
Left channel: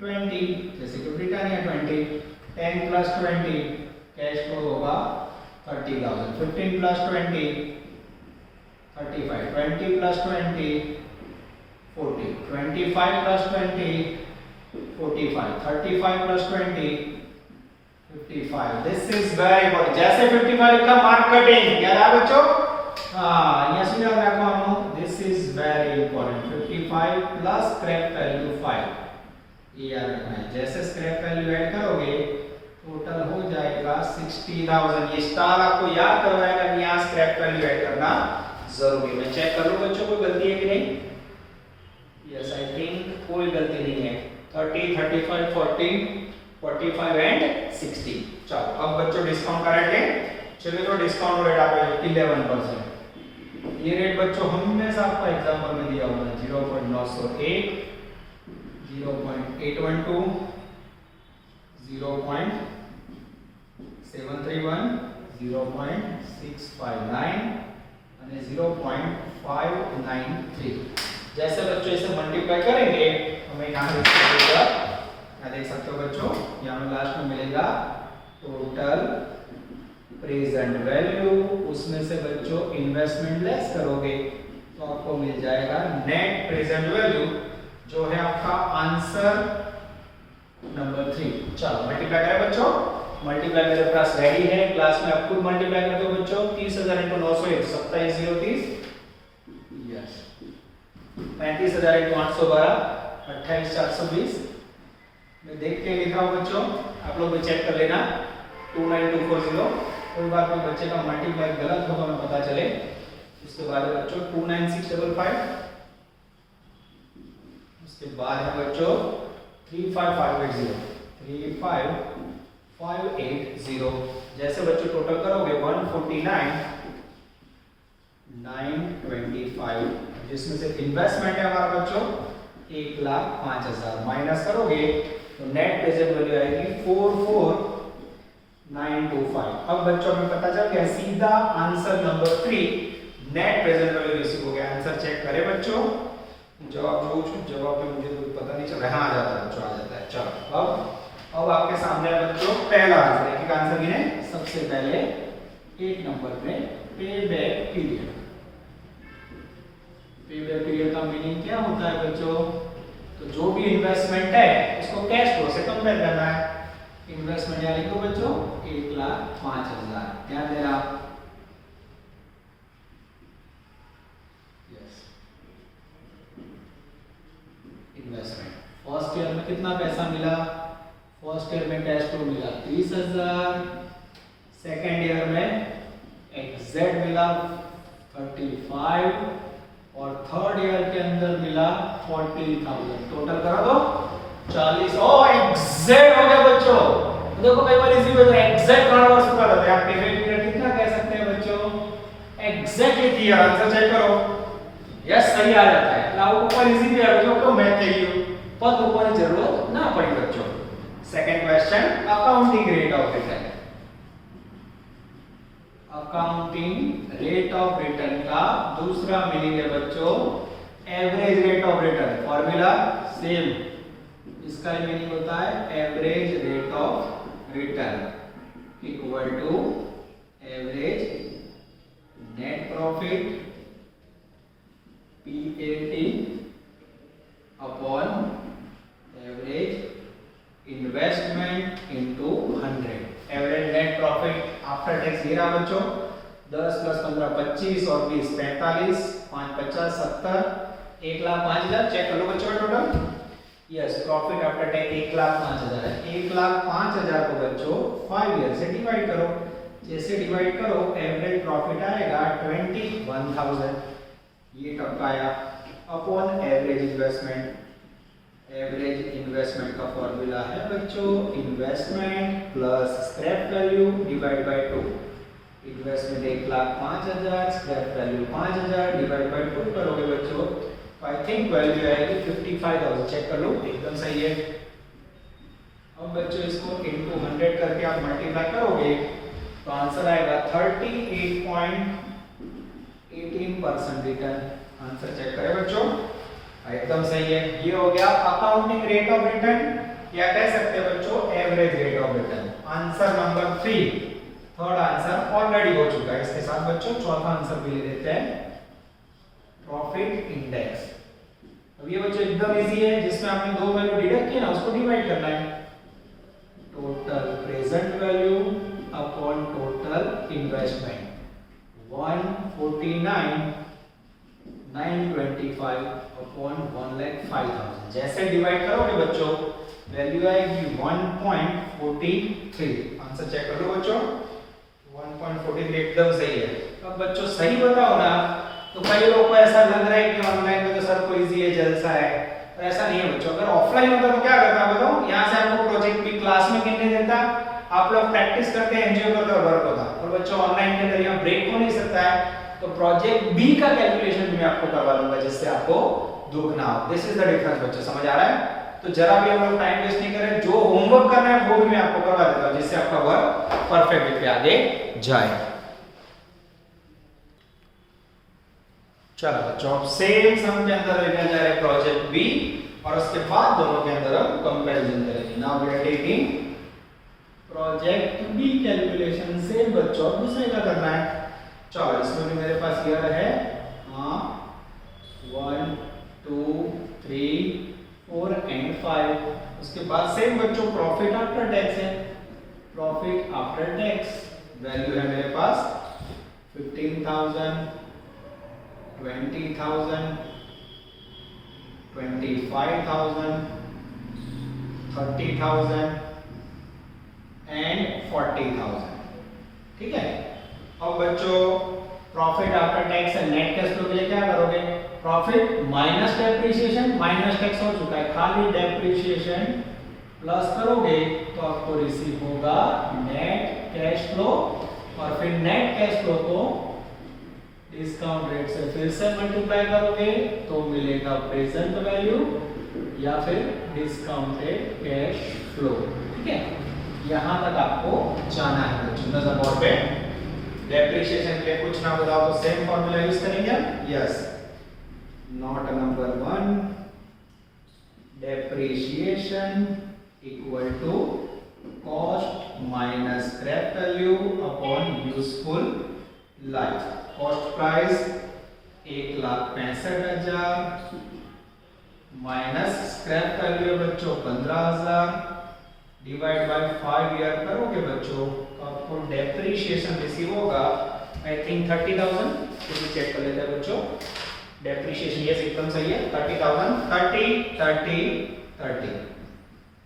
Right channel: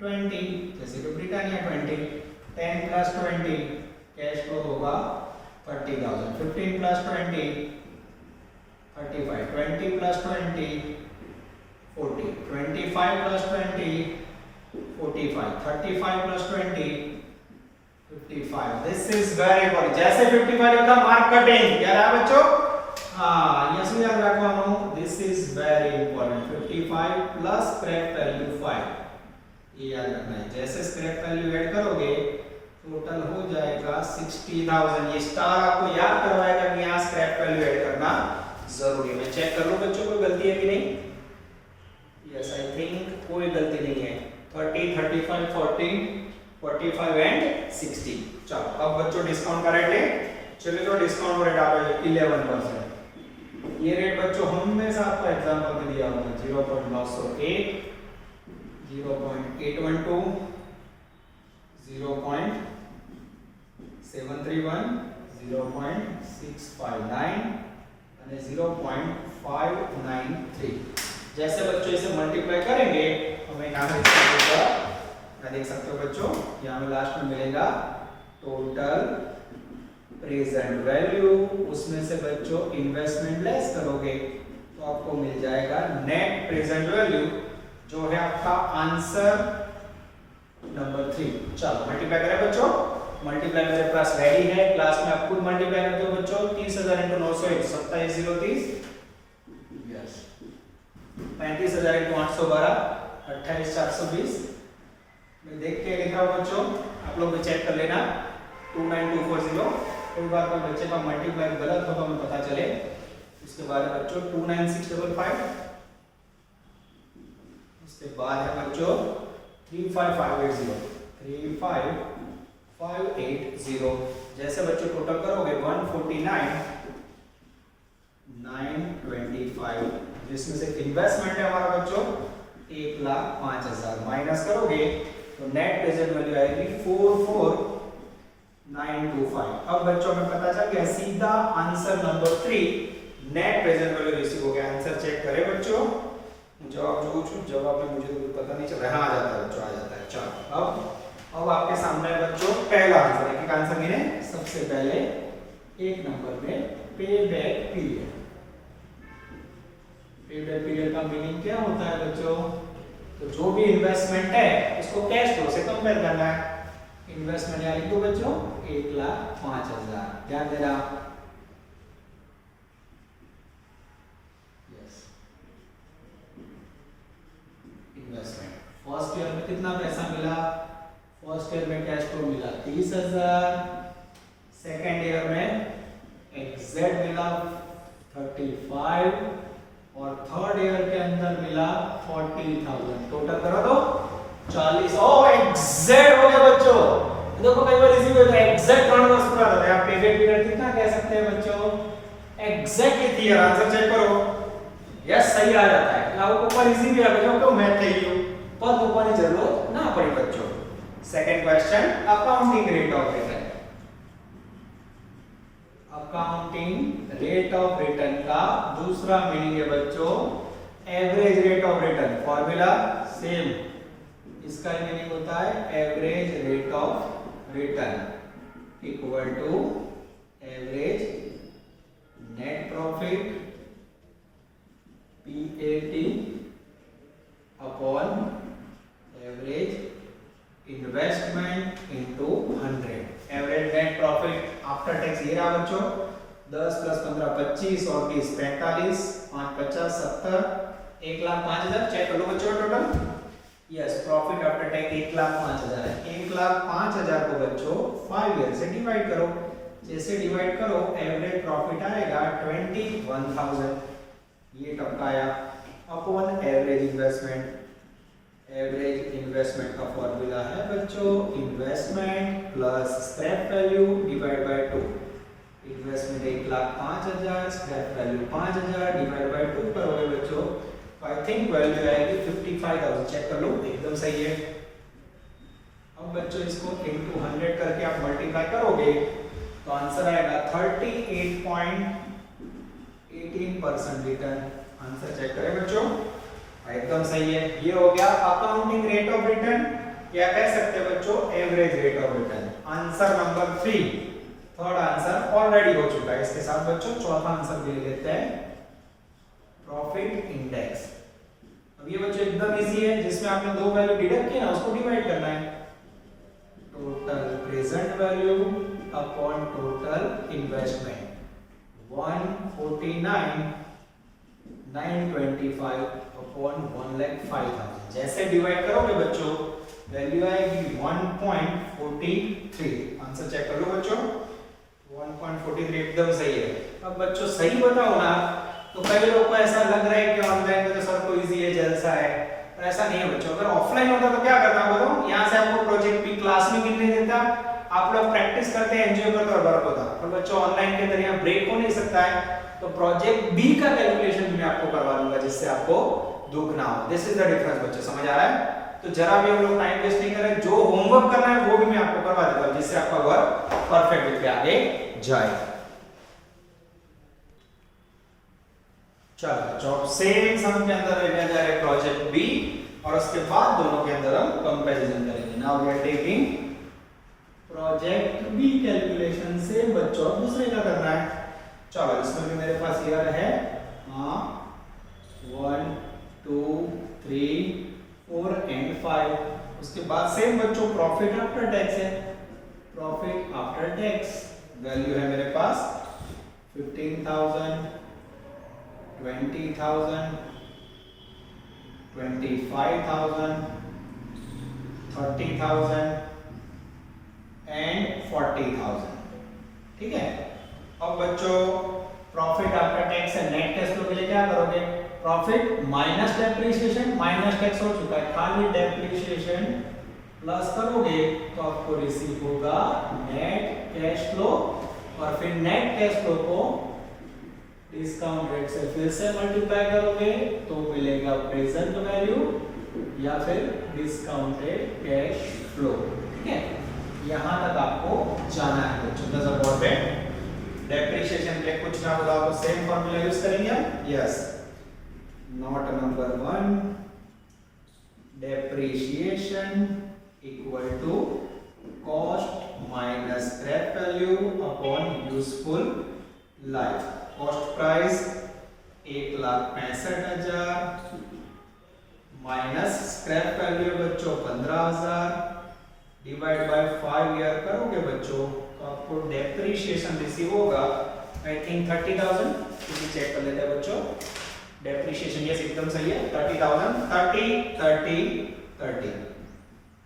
20, जैसे कि ब्रिटानिया 20, 10 प्लस 20 कैश फ्लो होगा 30,000, 15 plus 20 35, 20 plus 20 40, 25 plus 20 45, 35 plus 20 55। This is very important. जैसे 55 लिखा मार्क कटिंग, याद है बच्चों? हाँ यस याद रखो। This is very important. 55 plus scrap value 5, ये याद रखना है। जैसे स्क्रैप वैल्यू ऐड करोगे टोटल हो जाएगा 60,000। ये स्टार आपको याद करवाएगा कि यहाँ स्क्रैप वैल्यू ऐड करना जरूरी। मैं चेक कर लूं बच्चों कोई गलती है कि नहीं। यस आई थिंक कोई गलती नहीं है। 30 35 40 45 एंड 60। चलो अब बच्चों डिस्काउंट का रेट ले। चलिए तो डिस्काउंट रेट आपका 11%। ये रेट बच्चों हमेशा आपको एग्जांपल में दिया हुआ है 0.901, 0.812, 0.731, 0.659 અને 0.593। जैसे बच्चों इसे मल्टीप्लाई करेंगे हमें यहाँ देख सकते हो बच्चों, यहाँ हमें लास्ट में मिलेगा टोटल प्रेजेंट वैल्यू, उसमें से बच्चों इन्वेस्टमेंट लेस करोगे तो आपको मिल जाएगा नेट प्रेजेंट वैल्यू, जो है आपका आंसर नंबर 3। चलो मल्टीप्लाई करें बच्चों। मल्टीप्लाई मेरे पास रेडी है, क्लास में आप खुद मल्टीप्लाई करते हो बच्चों। 30,000 × 901 27,030, यस 35,000 × 812 28,420। मैं देख के लिख रहा हूं बच्चों, आप लोग भी चेक कर लेना। 29240। कोई बार कोई बच्चे का मल्टीप्लाई गलत होगा हमें पता चले। उसके बाद है बच्चों 29655, उसके बाद है बच्चों 35580, 35580। जैसे बच्चों टोटल करोगे 149,925, जिसमें से इन्वेस्टमेंट है हमारा बच्चों 1,05,000, माइनस करोगे तो नेट प्रेजेंट वैल्यू आएगी 44,925। अब बच्चों हमें पता चल गया सीधा answer number 3 net present value receive हो गया। आंसर चेक करें बच्चों। जवाब जो जवाब में मुझे तो पता नहीं चल रहा है। हाँ आ जाता है बच्चों, आ जाता है। चलो अब आपके सामने है बच्चों पहला आंसर। एक आंसर गिने। सबसे पहले 1 नंबर पे पे बैक पीरियड। पे बैक पीरियड का मीनिंग क्या होता है बच्चों? तो जो भी इन्वेस्टमेंट है उसको कैश फ्लो से कंपेयर करना है। इन्वेस्टमेंट यानी तो बच्चों 1,05,000, ध्यान देना। यस इन्वेस्टमेंट फर्स्ट ईयर में कितना पैसा मिला? फर्स्ट ईयर में कैश फ्लो मिला 30,000, सेकेंड ईयर में एग्जैक्ट मिला 35 और थर्ड ईयर के अंदर मिला 40,000। टोटल करो तो 40। ओ एग्जैक्ट हो गया बच्चों। देखो कई बार इजी हो जाता है, एग्जैक्ट 3 वर्ष पूरा करते हैं। आप पे पीरियड कितना कह सकते हैं बच्चों? Exactly 3 year. आंसर चेक करो यस सही आ जाता है એટલે આવું ઉપર ઈઝી બી આવજો કે મેં થઈ ગયું પદ મૂકવાની જરૂર ના પડી બચ્ચો second question accounting rate of return accounting rate of return का दूसरा मीनिंग है बच्चों average rate of return formula same इसका मीनिंग होता है average rate of return equal to average net profit PAT upon average investment into 100 average net profit after tax ये रहा बच्चों 10 प्लस 15 25 और 20 45 5 50 70 1,05,000 चेक कर लो बच्चों total yes profit after tax 1,05,000 है 1,05,000 को बच्चों 5 ईयर से डिवाइड करो जैसे डिवाइड करो एवरेज प्रॉफिट आएगा 21,000 ये टर्म आया अपॉन एवरेज इन्वेस्टमेंट का फॉर्मूला है बच्चों investment plus scrap value divide by 2 investment 1,05,000 scrap value 5,000 divide by 2 करोगे बच्चों आई थिंक वैल्यू आएगी 55,000 चेक कर लो एकदम सही है अब बच्चों इसको इनटू 100 करके आप मल्टीप्लाई करोगे तो आंसर आएगा 38.18% रिटर्न आंसर चेक करें बच्चों एकदम सही है ये हो गया अकाउंटिंग रेट ऑफ रिटर्न या कह सकते हैं बच्चों average rate of return answer number 3 third answer already हो चुका है इसके साथ बच्चों चौथा आंसर भी ले लेते हैं प्रॉफिट इंडेक्स अब ये बच्चों एकदम इजी है जिसमें आपने दो वैल्यू डिडक्ट किया ना उसको डिवाइड करना है total present value upon total investment 149,925 upon 1,05,000 जैसे डिवाइड करोगे बच्चों वैल्यू आएगी 1.43 आंसर चेक कर लो बच्चों 1.43 एकदम सही है अब बच्चों सही बताओ ना तो कई लोगों को ऐसा लग रहा है कि ऑनलाइन में तो सर को इजी है जलसा है पर ऐसा नहीं है बच्चों अगर ऑफलाइन होता तो क्या करता बताओ यहां से आपको प्रोजेक्ट भी क्लास में गिनने देता आप लोग प्रैक्टिस करते हैं एंजॉय करते और वर्क होता पर बच्चों ऑनलाइन के अंदर यहां ब्रेक हो नहीं सकता है तो प्रोजेक्ट बी का कैलकुलेशन मैं आपको करवा लूंगा जिससे आपको दुख ना हो दिस इज द डिफरेंस बच्चों समझ आ रहा है तो जरा भी हम लोग टाइम वेस्ट नहीं करें जो होमवर्क करना है वो भी मैं आपको करवा देता हूं जिससे आपका वर्क परफेक्ट वे पे आगे जाए चलो बच्चों अब सेम सम के अंदर लेने जा रहे हैं प्रोजेक्ट बी और उसके बाद दोनों के अंदर हम कंपैरिजन करेंगे now we are taking project B calculation same बच्चों दूसरे का करना है चलो इसमें भी मेरे पास ईयर है 1 2 3 4 एंड 5 उसके बाद सेम बच्चों प्रॉफिट आफ्टर टैक्स है प्रॉफिट आफ्टर टैक्स वैल्यू है मेरे पास 15,000 20,000 25,000 30,000 एंड 40,000 ठीक है अब बच्चों प्रॉफिट आफ्टर टैक्स है नेट कैश फ्लो के लिए क्या करोगे profit minus depreciation minus tax हो चुका है खाली डेप्रिसिएशन प्लस करोगे तो आपको रिसीव होगा नेट कैश फ्लो और फिर नेट कैश फ्लो को डिस्काउंट रेट से फिर से मल्टीप्लाई करोगे तो मिलेगा प्रेजेंट वैल्यू या फिर डिस्काउंटेड कैश फ्लो ठीक है यहां तक आपको जाना है बच्चों नजर बोर्ड पे डेप्रिसिएशन के लिए कुछ ना बताओ तो सेम फार्मूला यूज करेंगे yes note number 1 depreciation equal to cost minus scrap value upon useful life cost price 1,65,000 minus scrap value बच्चों 15,000 डिवाइड बाय 5 ईयर करोगे बच्चों तो आपको डेप्रिसिएशन रिसीव होगा आई थिंक 30,000 तो चेक कर लेते हैं बच्चों डेप्रिसिएशन यस एकदम सही है 30,000 30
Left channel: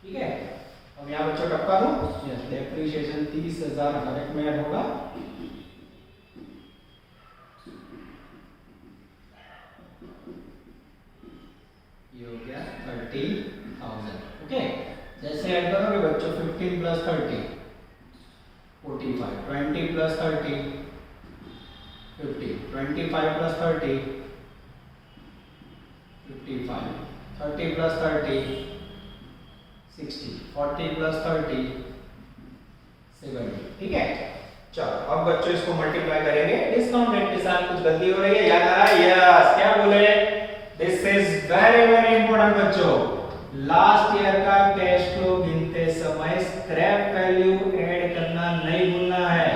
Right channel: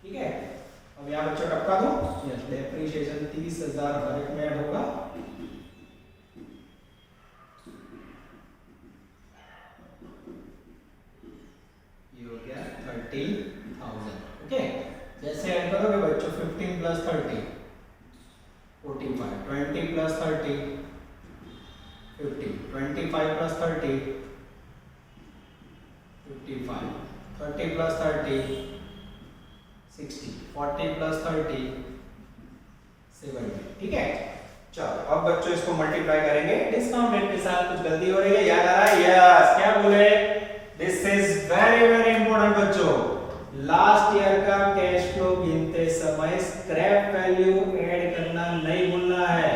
ठीक है अब यहाँ बच्चों टपका दो यस डेप्रिसिएशन 30,000 हर एक में ऐड होगा ये हो गया 30,000 ओके जैसे ऐड करोगे बच्चों 15 plus 30 45 20 plus 30 50 25 plus 30 55, 30 plus 30 60, 40 plus 30 70। ठीक है, चलो अब बच्चों इसको मल्टीप्लाई करेंगे डिस्काउंट रेट के साथ। कुछ गलती हो रही है, याद आया? यस, क्या बोले? This is very very important बच्चों। लास्ट ईयर का कैश फ्लो गिनते समय स्क्रैप वैल्यू ऐड करना नहीं भूलना है।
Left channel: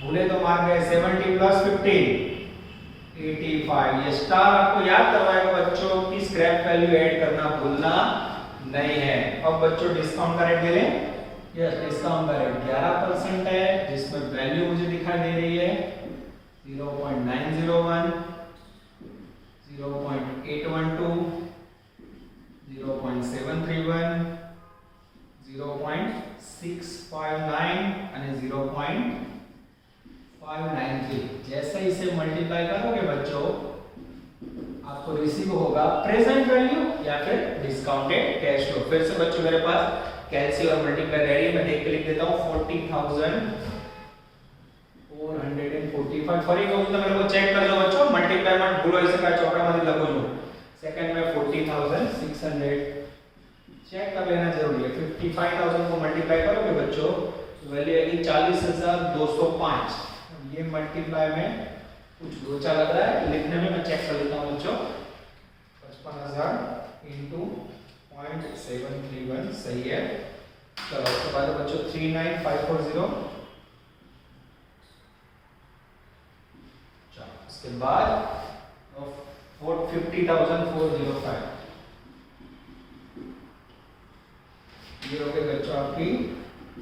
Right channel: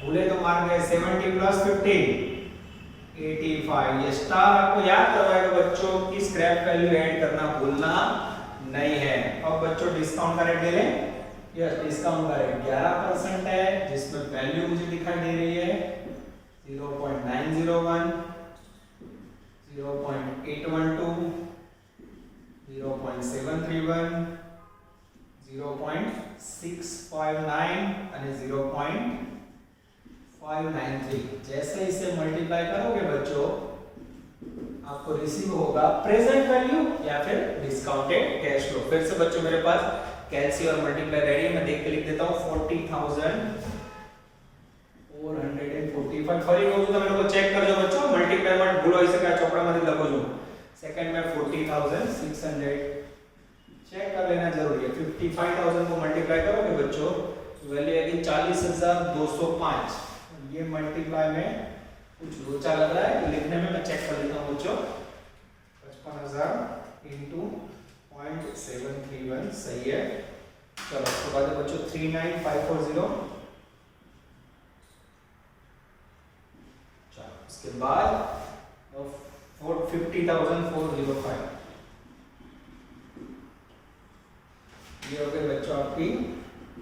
भूले तो मार गए। 70 प्लस 50 85। ये स्टार आपको याद करवाएगा बच्चों कि स्क्रैप वैल्यू ऐड करना भूलना नहीं है। अब बच्चों डिस्काउंट का रेट दे लें। यस, डिस्काउंट का रेट 11% है, जिसमें वैल्यू मुझे दिखाई दे रही है 0.901, 0.812, 0.731, 0.659 અને 0.593। जैसे इसे मल्टीप्लाई करोगे बच्चों आपको रिसीव होगा प्रेजेंट वैल्यू या फिर डिस्काउंटेड कैश फ्लो। फिर से बच्चों मेरे पास कैलसी और मल्टीप्लाई रेडी है, मैं देख के लिख देता हूं 40,445। फरी कहूं तो मेरे को चेक कर लो बच्चों, मल्टीप्लाई मत भूलो, इसे का चौका मत लगो लो। सेकंड में 40,600 चेक कर लेना जरूरी है। 55,000 को मल्टीप्लाई करोगे बच्चों तो वैल्यू आएगी 40,205। ये मल्टीप्लाई में कुछ लोचा लग रहा है, लिखने में मैं चेक कर लेता हूं बच्चों। 55,000 into 0.731 सही है। चलो उसके बाद बच्चों 39,540। चलो उसके बाद 50,405। ये हो गए बच्चों आपकी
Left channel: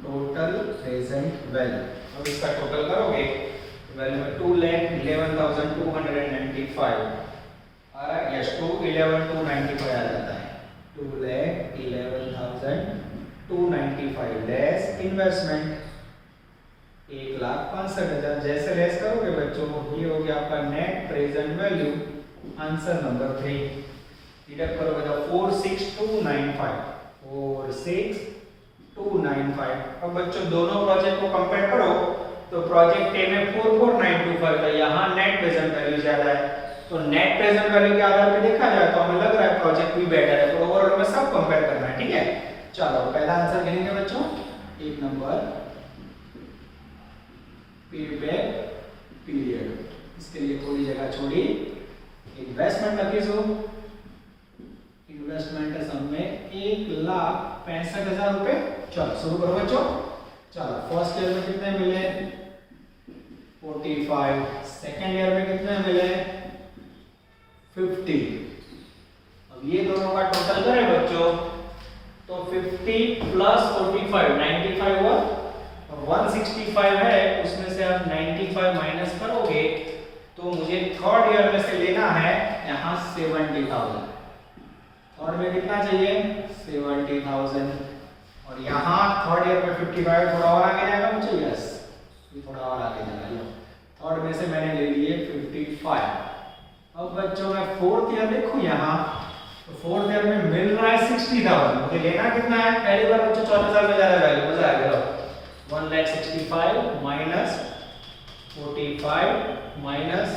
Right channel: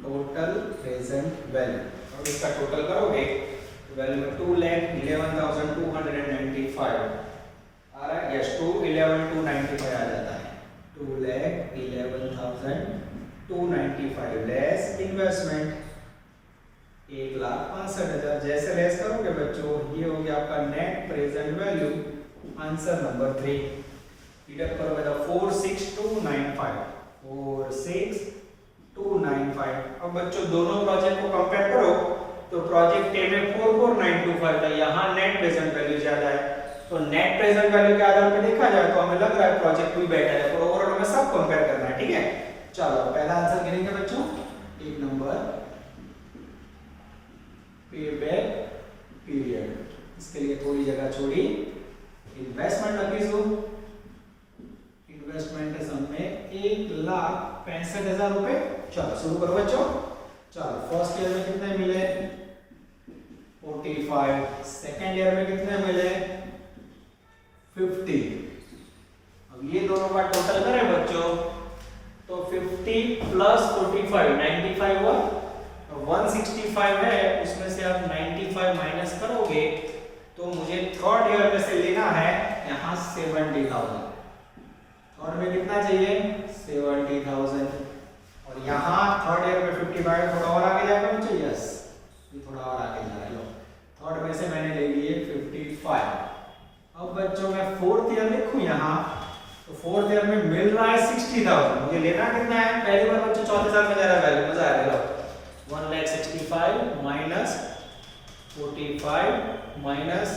टोटल प्रेजेंट वैल्यू। अब इसका टोटल करोगे वैल्यू में 2,11,295 आ रहा है। यस, 2,11,295 आ जाता है। 2,11,295 लेस इन्वेस्टमेंट 1,65,000। जैसे लेस करोगे बच्चों ये हो गया आपका net present value. Answer number 3 deduct करोगे तो 46,295, 46,295। अब बच्चों दोनों प्रोजेक्ट को कंपेयर करो तो प्रोजेक्ट ए में 44,925 था, यहाँ नेट प्रेजेंट वैल्यू ज्यादा है। तो नेट प्रेजेंट वैल्यू के आधार पे देखा जाए तो हमें लग रहा है प्रोजेक्ट भी बेटर है। तो ओवरऑल में सब कंपेयर करना है। ठीक है, चलो पहला आंसर गिनेंगे बच्चों। एक नंबर पेबैक पीरियड, इसके लिए थोड़ी जगह छोड़ी। इन्वेस्टमेंट लखीसु, इन्वेस्टमेंट है सब में 1,65,000 रुपए। चलो शुरू करो बच्चों। चलो फर्स्ट ईयर में कितने मिले? 45। सेकेंड ईयर में कितने मिले? 50। अब ये दोनों का टोटल करें बच्चों तो 50 प्लस 45 95 हुआ। 165 है, उसमें से आप 95 माइनस करोगे तो मुझे थर्ड ईयर में से लेना है यहाँ 70,000। थर्ड में कितना चाहिए? 70,000। और यहाँ थर्ड ईयर में 55 थोड़ा और आगे जाएगा मुझे। यस, ये थोड़ा और आगे जाएगा। थर्ड में से मैंने ले लिए 55। अब बच्चों मैं फोर्थ ईयर लिखूं यहाँ तो फोर्थ ईयर में मिल रहा है 60,000। मुझे लेना कितना है? पहली बार बच्चों चौथे साल में जा रहा है वैल्यू। मजा आ गया। 1,65,000 माइनस 45 माइनस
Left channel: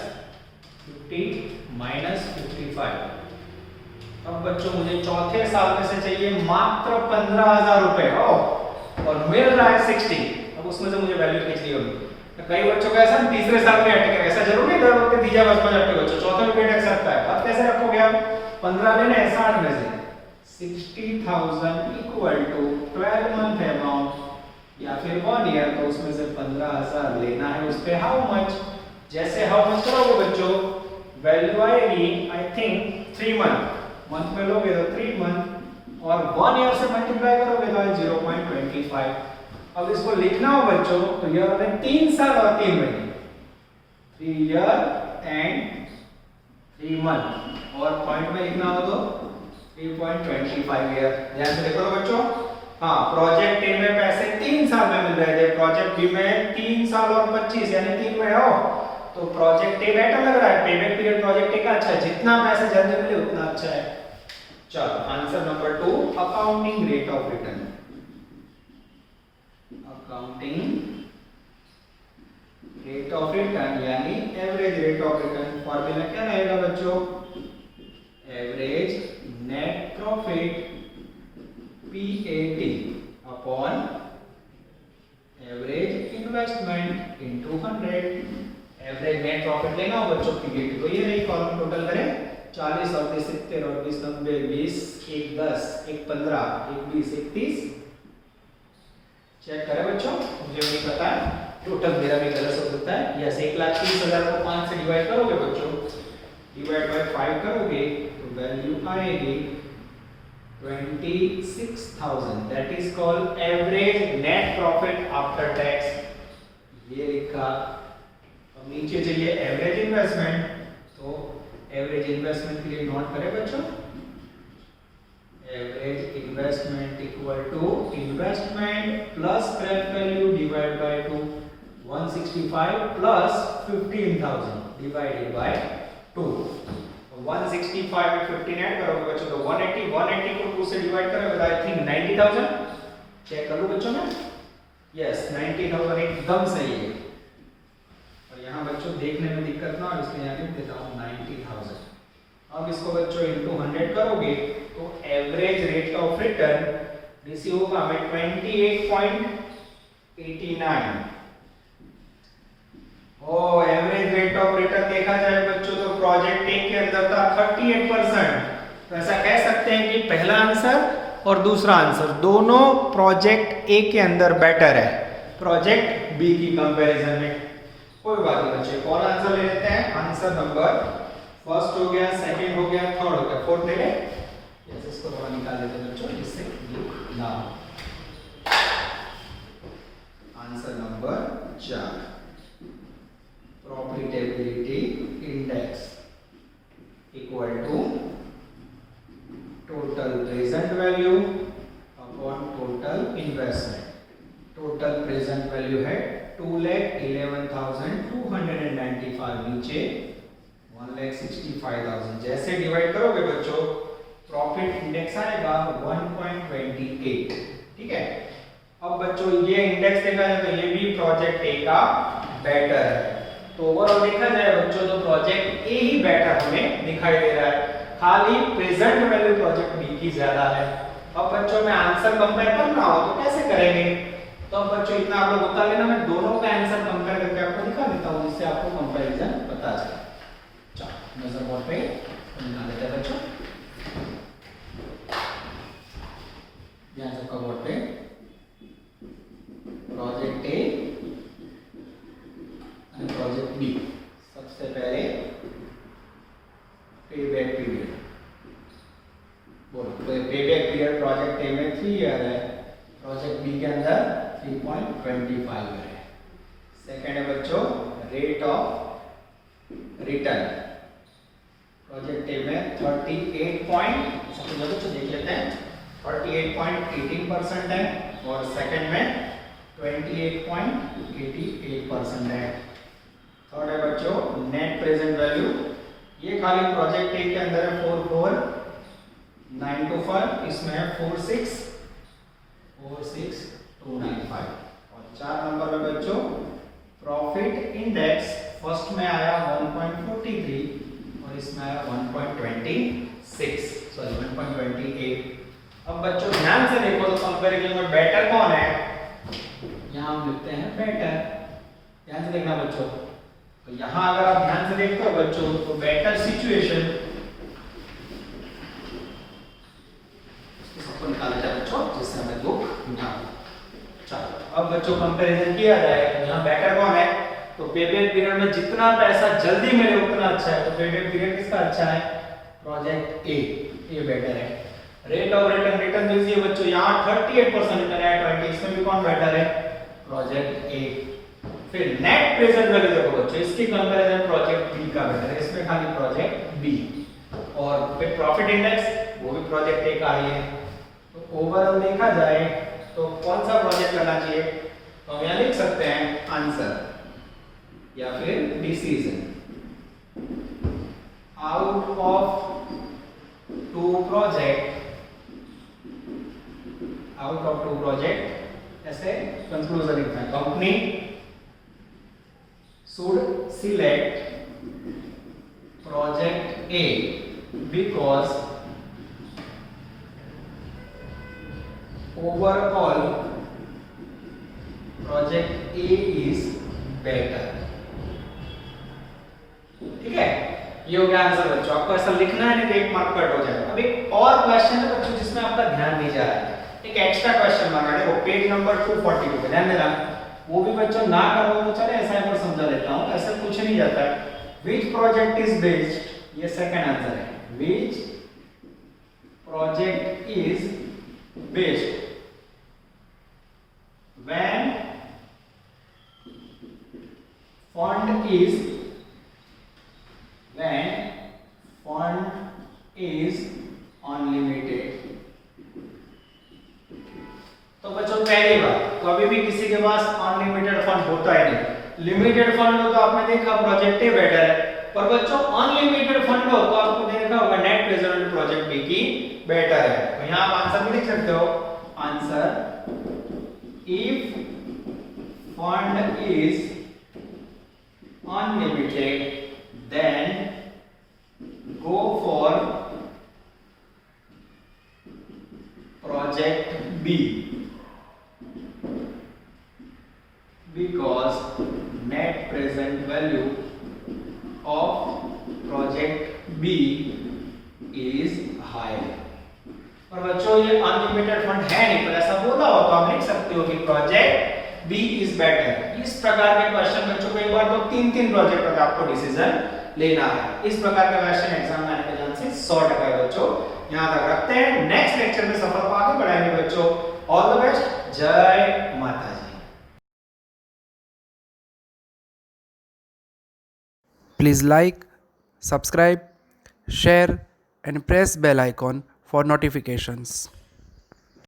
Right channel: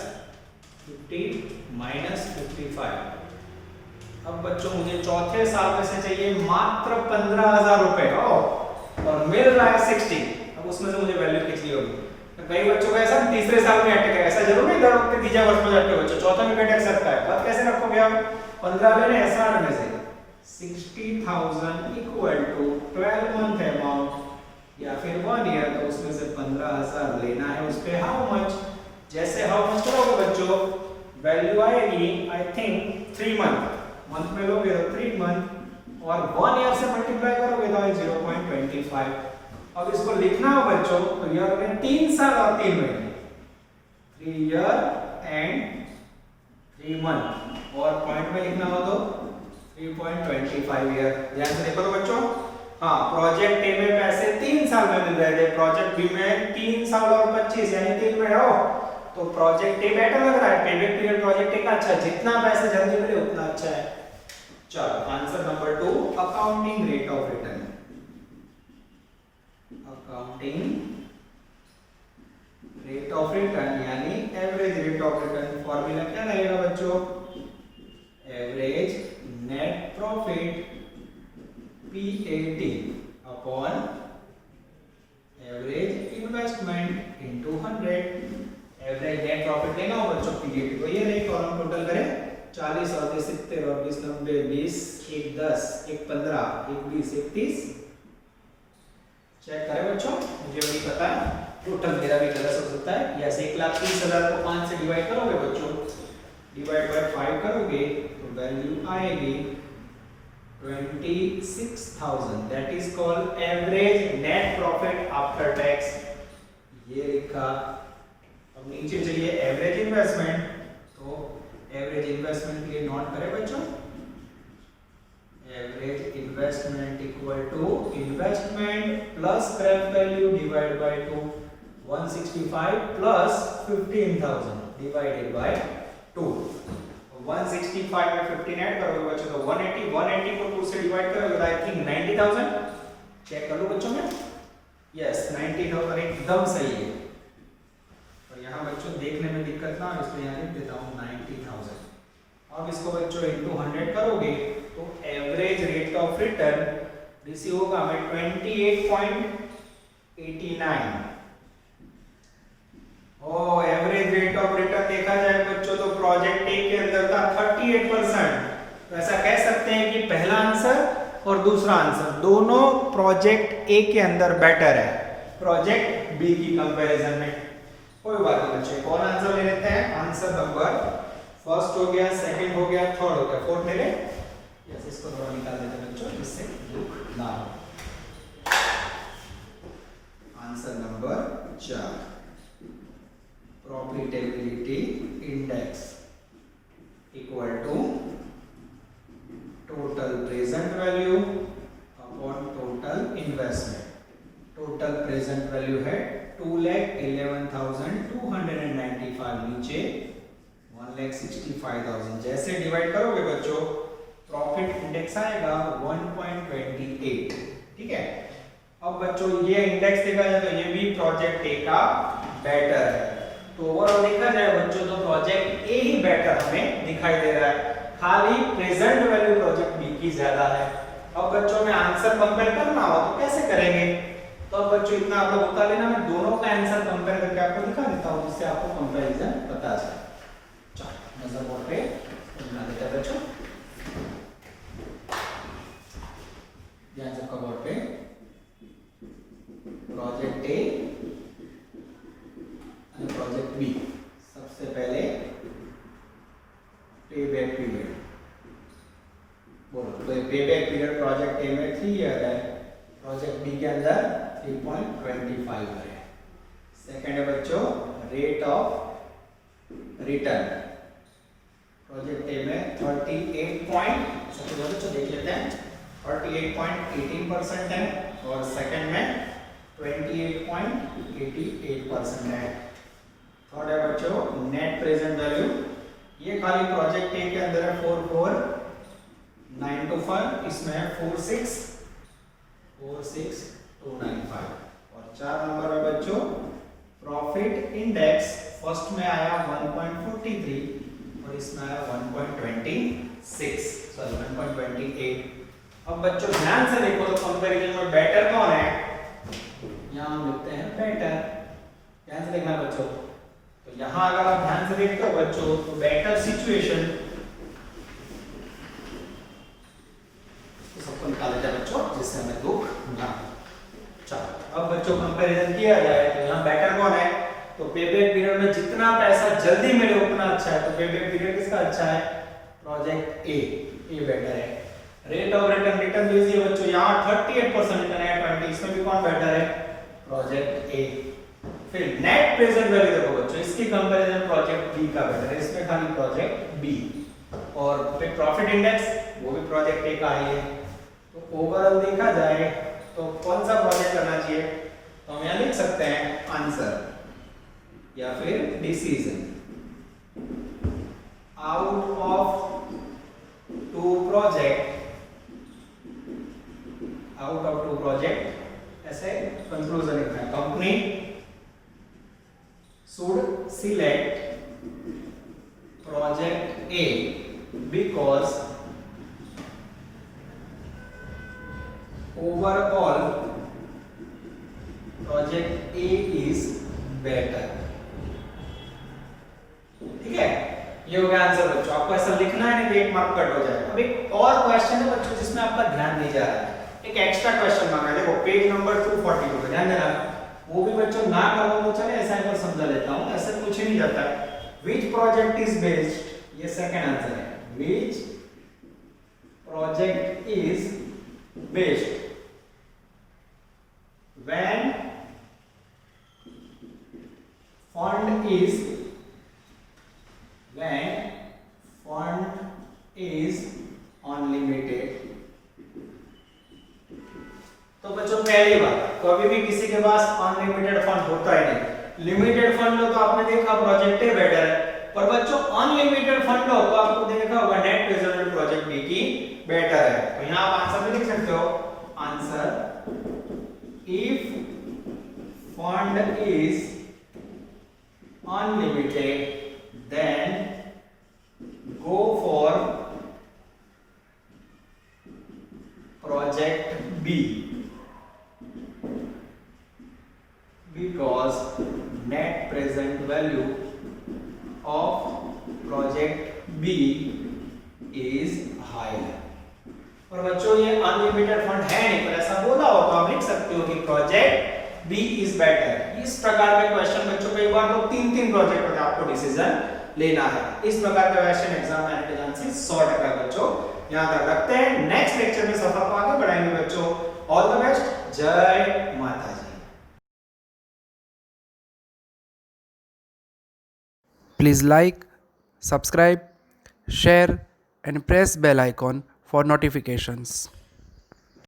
50 माइनस 55। अब बच्चों मुझे चौथे साल में से चाहिए मात्र 15,000 रुपए और मिल रहा है 60। अब उसमें से मुझे वैल्यू खींचनी होगी। कई बच्चों को ऐसा तीसरे साल में अटके, ऐसा जरूर नहीं दौड़ के तीसरे वर्ष में अटके बच्चों, चौथे में भी अटक सकता है। बात कैसे रखोगे आप? 15 लेने हैं 60 में से 60,000 इक्वल टू 12 मंथ अमाउंट या फिर 1 ईयर, तो उसमें से 15,000 लेना है। उस पे हाउ मच? जैसे हाउ मच करोगे बच्चों वैल्यू आएगी आई थिंक 3 मंथ। मंथ में लोगे तो 3 मंथ और 1 ईयर से मल्टीप्लाई करोगे तो 0.25। अब इसको लिखना हो बच्चों तो ईयर में 3 साल और 3 महीने, 3 ईयर एंड 3 मंथ। और पॉइंट में लिखना हो तो 3.25 ईयर। ध्यान से देखो तो बच्चों। हाँ, प्रोजेक्ट ए में पैसे 3 साल में मिल रहे थे, प्रोजेक्ट बी में 3 साल और 25 यानी 3 में हो तो प्रोजेक्ट ए बेटर लग रहा है। पेबैक पीरियड प्रोजेक्ट ए का अच्छा है, जितना पैसे जल्दी मिले उतना अच्छा है। चलो answer number 2 accounting rate of return. Accounting rate of return यानी average rate of return. Formula क्या रहेगा बच्चों? Average investment into 100। Average net profit लेना हो बच्चों पीबीटी तो ये रही कॉलम टोटल करें 40 और 70 और 20 90 20 1 10 1 15 1 20 1 30। चेक करें बच्चों, मुझे नहीं पता टोटल मेरा भी गलत हो सकता है। यस 1,30,000 को 5 से डिवाइड करोगे बच्चों, डिवाइड बाय 5 करोगे तो वैल्यू आएगी 26,000। That is called average net profit after tax. ये लिखा। अब नीचे चाहिए एवरेज इन्वेस्टमेंट, तो एवरेज इन्वेस्टमेंट के लिए नोट करें बच्चों, average investment equal to investment plus scrap value divide by 2। 165 plus 15,000 divided by 2। 165 में 15 ऐड करोगे बच्चों तो 180 को 2 से डिवाइड करोगे तो आई थिंक 90,000। चेक कर लो बच्चों में, यस 90,000 एकदम सही है। और यहाँ बच्चों देखने में दिक्कत ना हो इसलिए यहाँ लिख देता हूँ 90,000। अब इसको बच्चों इनटू 100 करोगे तो average rate of return receive होगा हमें 28.89। एवरेज रेट ऑफ रिटर्न देखा जाए बच्चों तो प्रोजेक्ट ए के अंदर था 38%। तो ऐसा कह सकते हैं कि पहला आंसर और दूसरा आंसर दोनों प्रोजेक्ट ए के अंदर बेटर है प्रोजेक्ट बी की कंपैरिजन में। कोई बात नहीं बच्चों, कौन आंसर ले लेते हैं? आंसर नंबर फर्स्ट हो गया, सेकंड हो गया, थर्ड हो गया, फोर्थ ले ले। यस इसको थोड़ा निकाल देते हैं बच्चों जिससे दुख ना हो। Answer number 4 profitability index equal to total present value upon total investment. Total present value है 2,11,295, नीचे 1,65,000। जैसे डिवाइड करोगे बच्चों प्रॉफिट इंडेक्स आएगा 1.28। ठीक है। अब बच्चों ये इंडेक्स देखा जाए तो ये भी प्रोजेक्ट ए का बेटर है। तो ओवरऑल देखा जाए बच्चों तो प्रोजेक्ट ए ही बेटर हमें दिखाई दे रहा है, खाली प्रेजेंट वैल्यू प्रोजेक्ट बी की ज्यादा है। अब बच्चों में आंसर कंपेयर करना हो तो कैसे करेंगे? तो अब बच्चों इतना आप लोग बता लेना, मैं दोनों का आंसर कंपेयर करके आपको दिखा देता हूं जिससे आपको कंपैरिजन पता चले। चलो नजर बोर्ड पे निकाल देते हैं बच्चों, ध्यान से बोर्ड पे प्रोजेक्ट ए और प्रोजेक्ट बी। सबसे पहले पेबैक पीरियड बोलो, पेबैक पीरियड प्रोजेक्ट ए में 3 ईयर है, प्रोजेक्ट बी के अंदर 3.25 है। सेकंड है बच्चों rate of return, project A में 38 सबसे बच्चों देख लेते हैं 38.18% है और सेकंड में 28.88% है। थर्ड है बच्चों नेट प्रेजेंट वैल्यू, ये खाली प्रोजेक्ट ए के अंदर है 44,925, इसमें है 46,295। और 4 नंबर है बच्चों प्रॉफिट इंडेक्स, फर्स्ट में आया 1.43 और इसमें आया 1.28। अब बच्चों ध्यान से देखो तो कंपैरिजन में बेटर कौन है? यहाँ हम लिखते हैं बेटर। ध्यान से देखना बच्चों, तो यहाँ अगर आप ध्यान से देखते हो बच्चों तो बेटर सिचुएशन सबको निकाला जाए बच्चों जिससे हमें दुख ना। चलो अब बच्चों कंपैरिजन किया जाए तो यहाँ बेटर कौन है? तो पेबैक पीरियड में जितना पैसा जल्दी मिले उतना अच्छा है, तो पेबैक पीरियड किसका अच्छा है? प्रोजेक्ट ए, ये बेटर है। रेट ऑफ रिटर्न, रिटर्न दीजिए बच्चों यहाँ 38% रिटर्न है 20, इसमें भी कौन बेटर है? Project A. फिर नेट प्रेजेंट वैल्यू देखो बच्चों, इसकी कंपैरिजन प्रोजेक्ट बी का बेटर है, इसमें खाली प्रोजेक्ट बी। और फिर प्रॉफिट इंडेक्स वो भी प्रोजेक्ट ए का ही है। तो ओवरऑल देखा जाए तो कौन सा प्रोजेक्ट करना चाहिए? तो हम यहाँ लिख सकते हैं आंसर या फिर decision out of 2 project, out of 2 project ऐसे कंक्लूजन लिखते हैं। Company should select project A because overall project A is better. ठीक है, ये हो गया आंसर बच्चों। आपको ऐसा लिखना है, नहीं तो 1 मार्क कट हो जाएगा। अब एक और क्वेश्चन है बच्चों जिसमें आपका ध्यान नहीं जा रहा है, एक एक्स्ट्रा क्वेश्चन मांगा है। देखो पेज नंबर 242 पे ध्यान देना। वो भी बच्चों ना करो तो चले, ऐसा एक बार समझा देता हूं, ऐसा कुछ नहीं जाता है। Which project is based, ये सेकंड आंसर है। Which project is based when fund is unlimited। तो बच्चों पहली बात, तो अभी भी किसी के पास अनलिमिटेड फंड होता है नहीं। लिमिटेड फंड हो तो आपने देखा प्रोजेक्ट ए बेटर है, पर बच्चों अनलिमिटेड फंड हो तो आपको देखा होगा net present value project B की बेटर है। तो यहां आप आंसर भी लिख सकते हो, answer if fund is unlimited then go for project B because net present value of project B is higher। और बच्चों ये अनलिमिटेड फंड है नहीं, पर ऐसा बोला हो तो आप लिख सकते हो कि प्रोजेक्ट B is better। इस प्रकार के क्वेश्चन बच्चों कई बार तो 3-3 प्रोजेक्ट होते हैं, आपको डिसीजन लेना है। इस प्रकार के क्वेश्चन एग्जाम में आने के चांसेस 100% है बच्चों। यहां तक रखते हैं, नेक्स्ट लेक्चर में सफर को आगे बढ़ाएंगे बच्चों। ऑल द बेस्ट, जय माता जी। Please like, subscribe, share and press bell icon for notifications.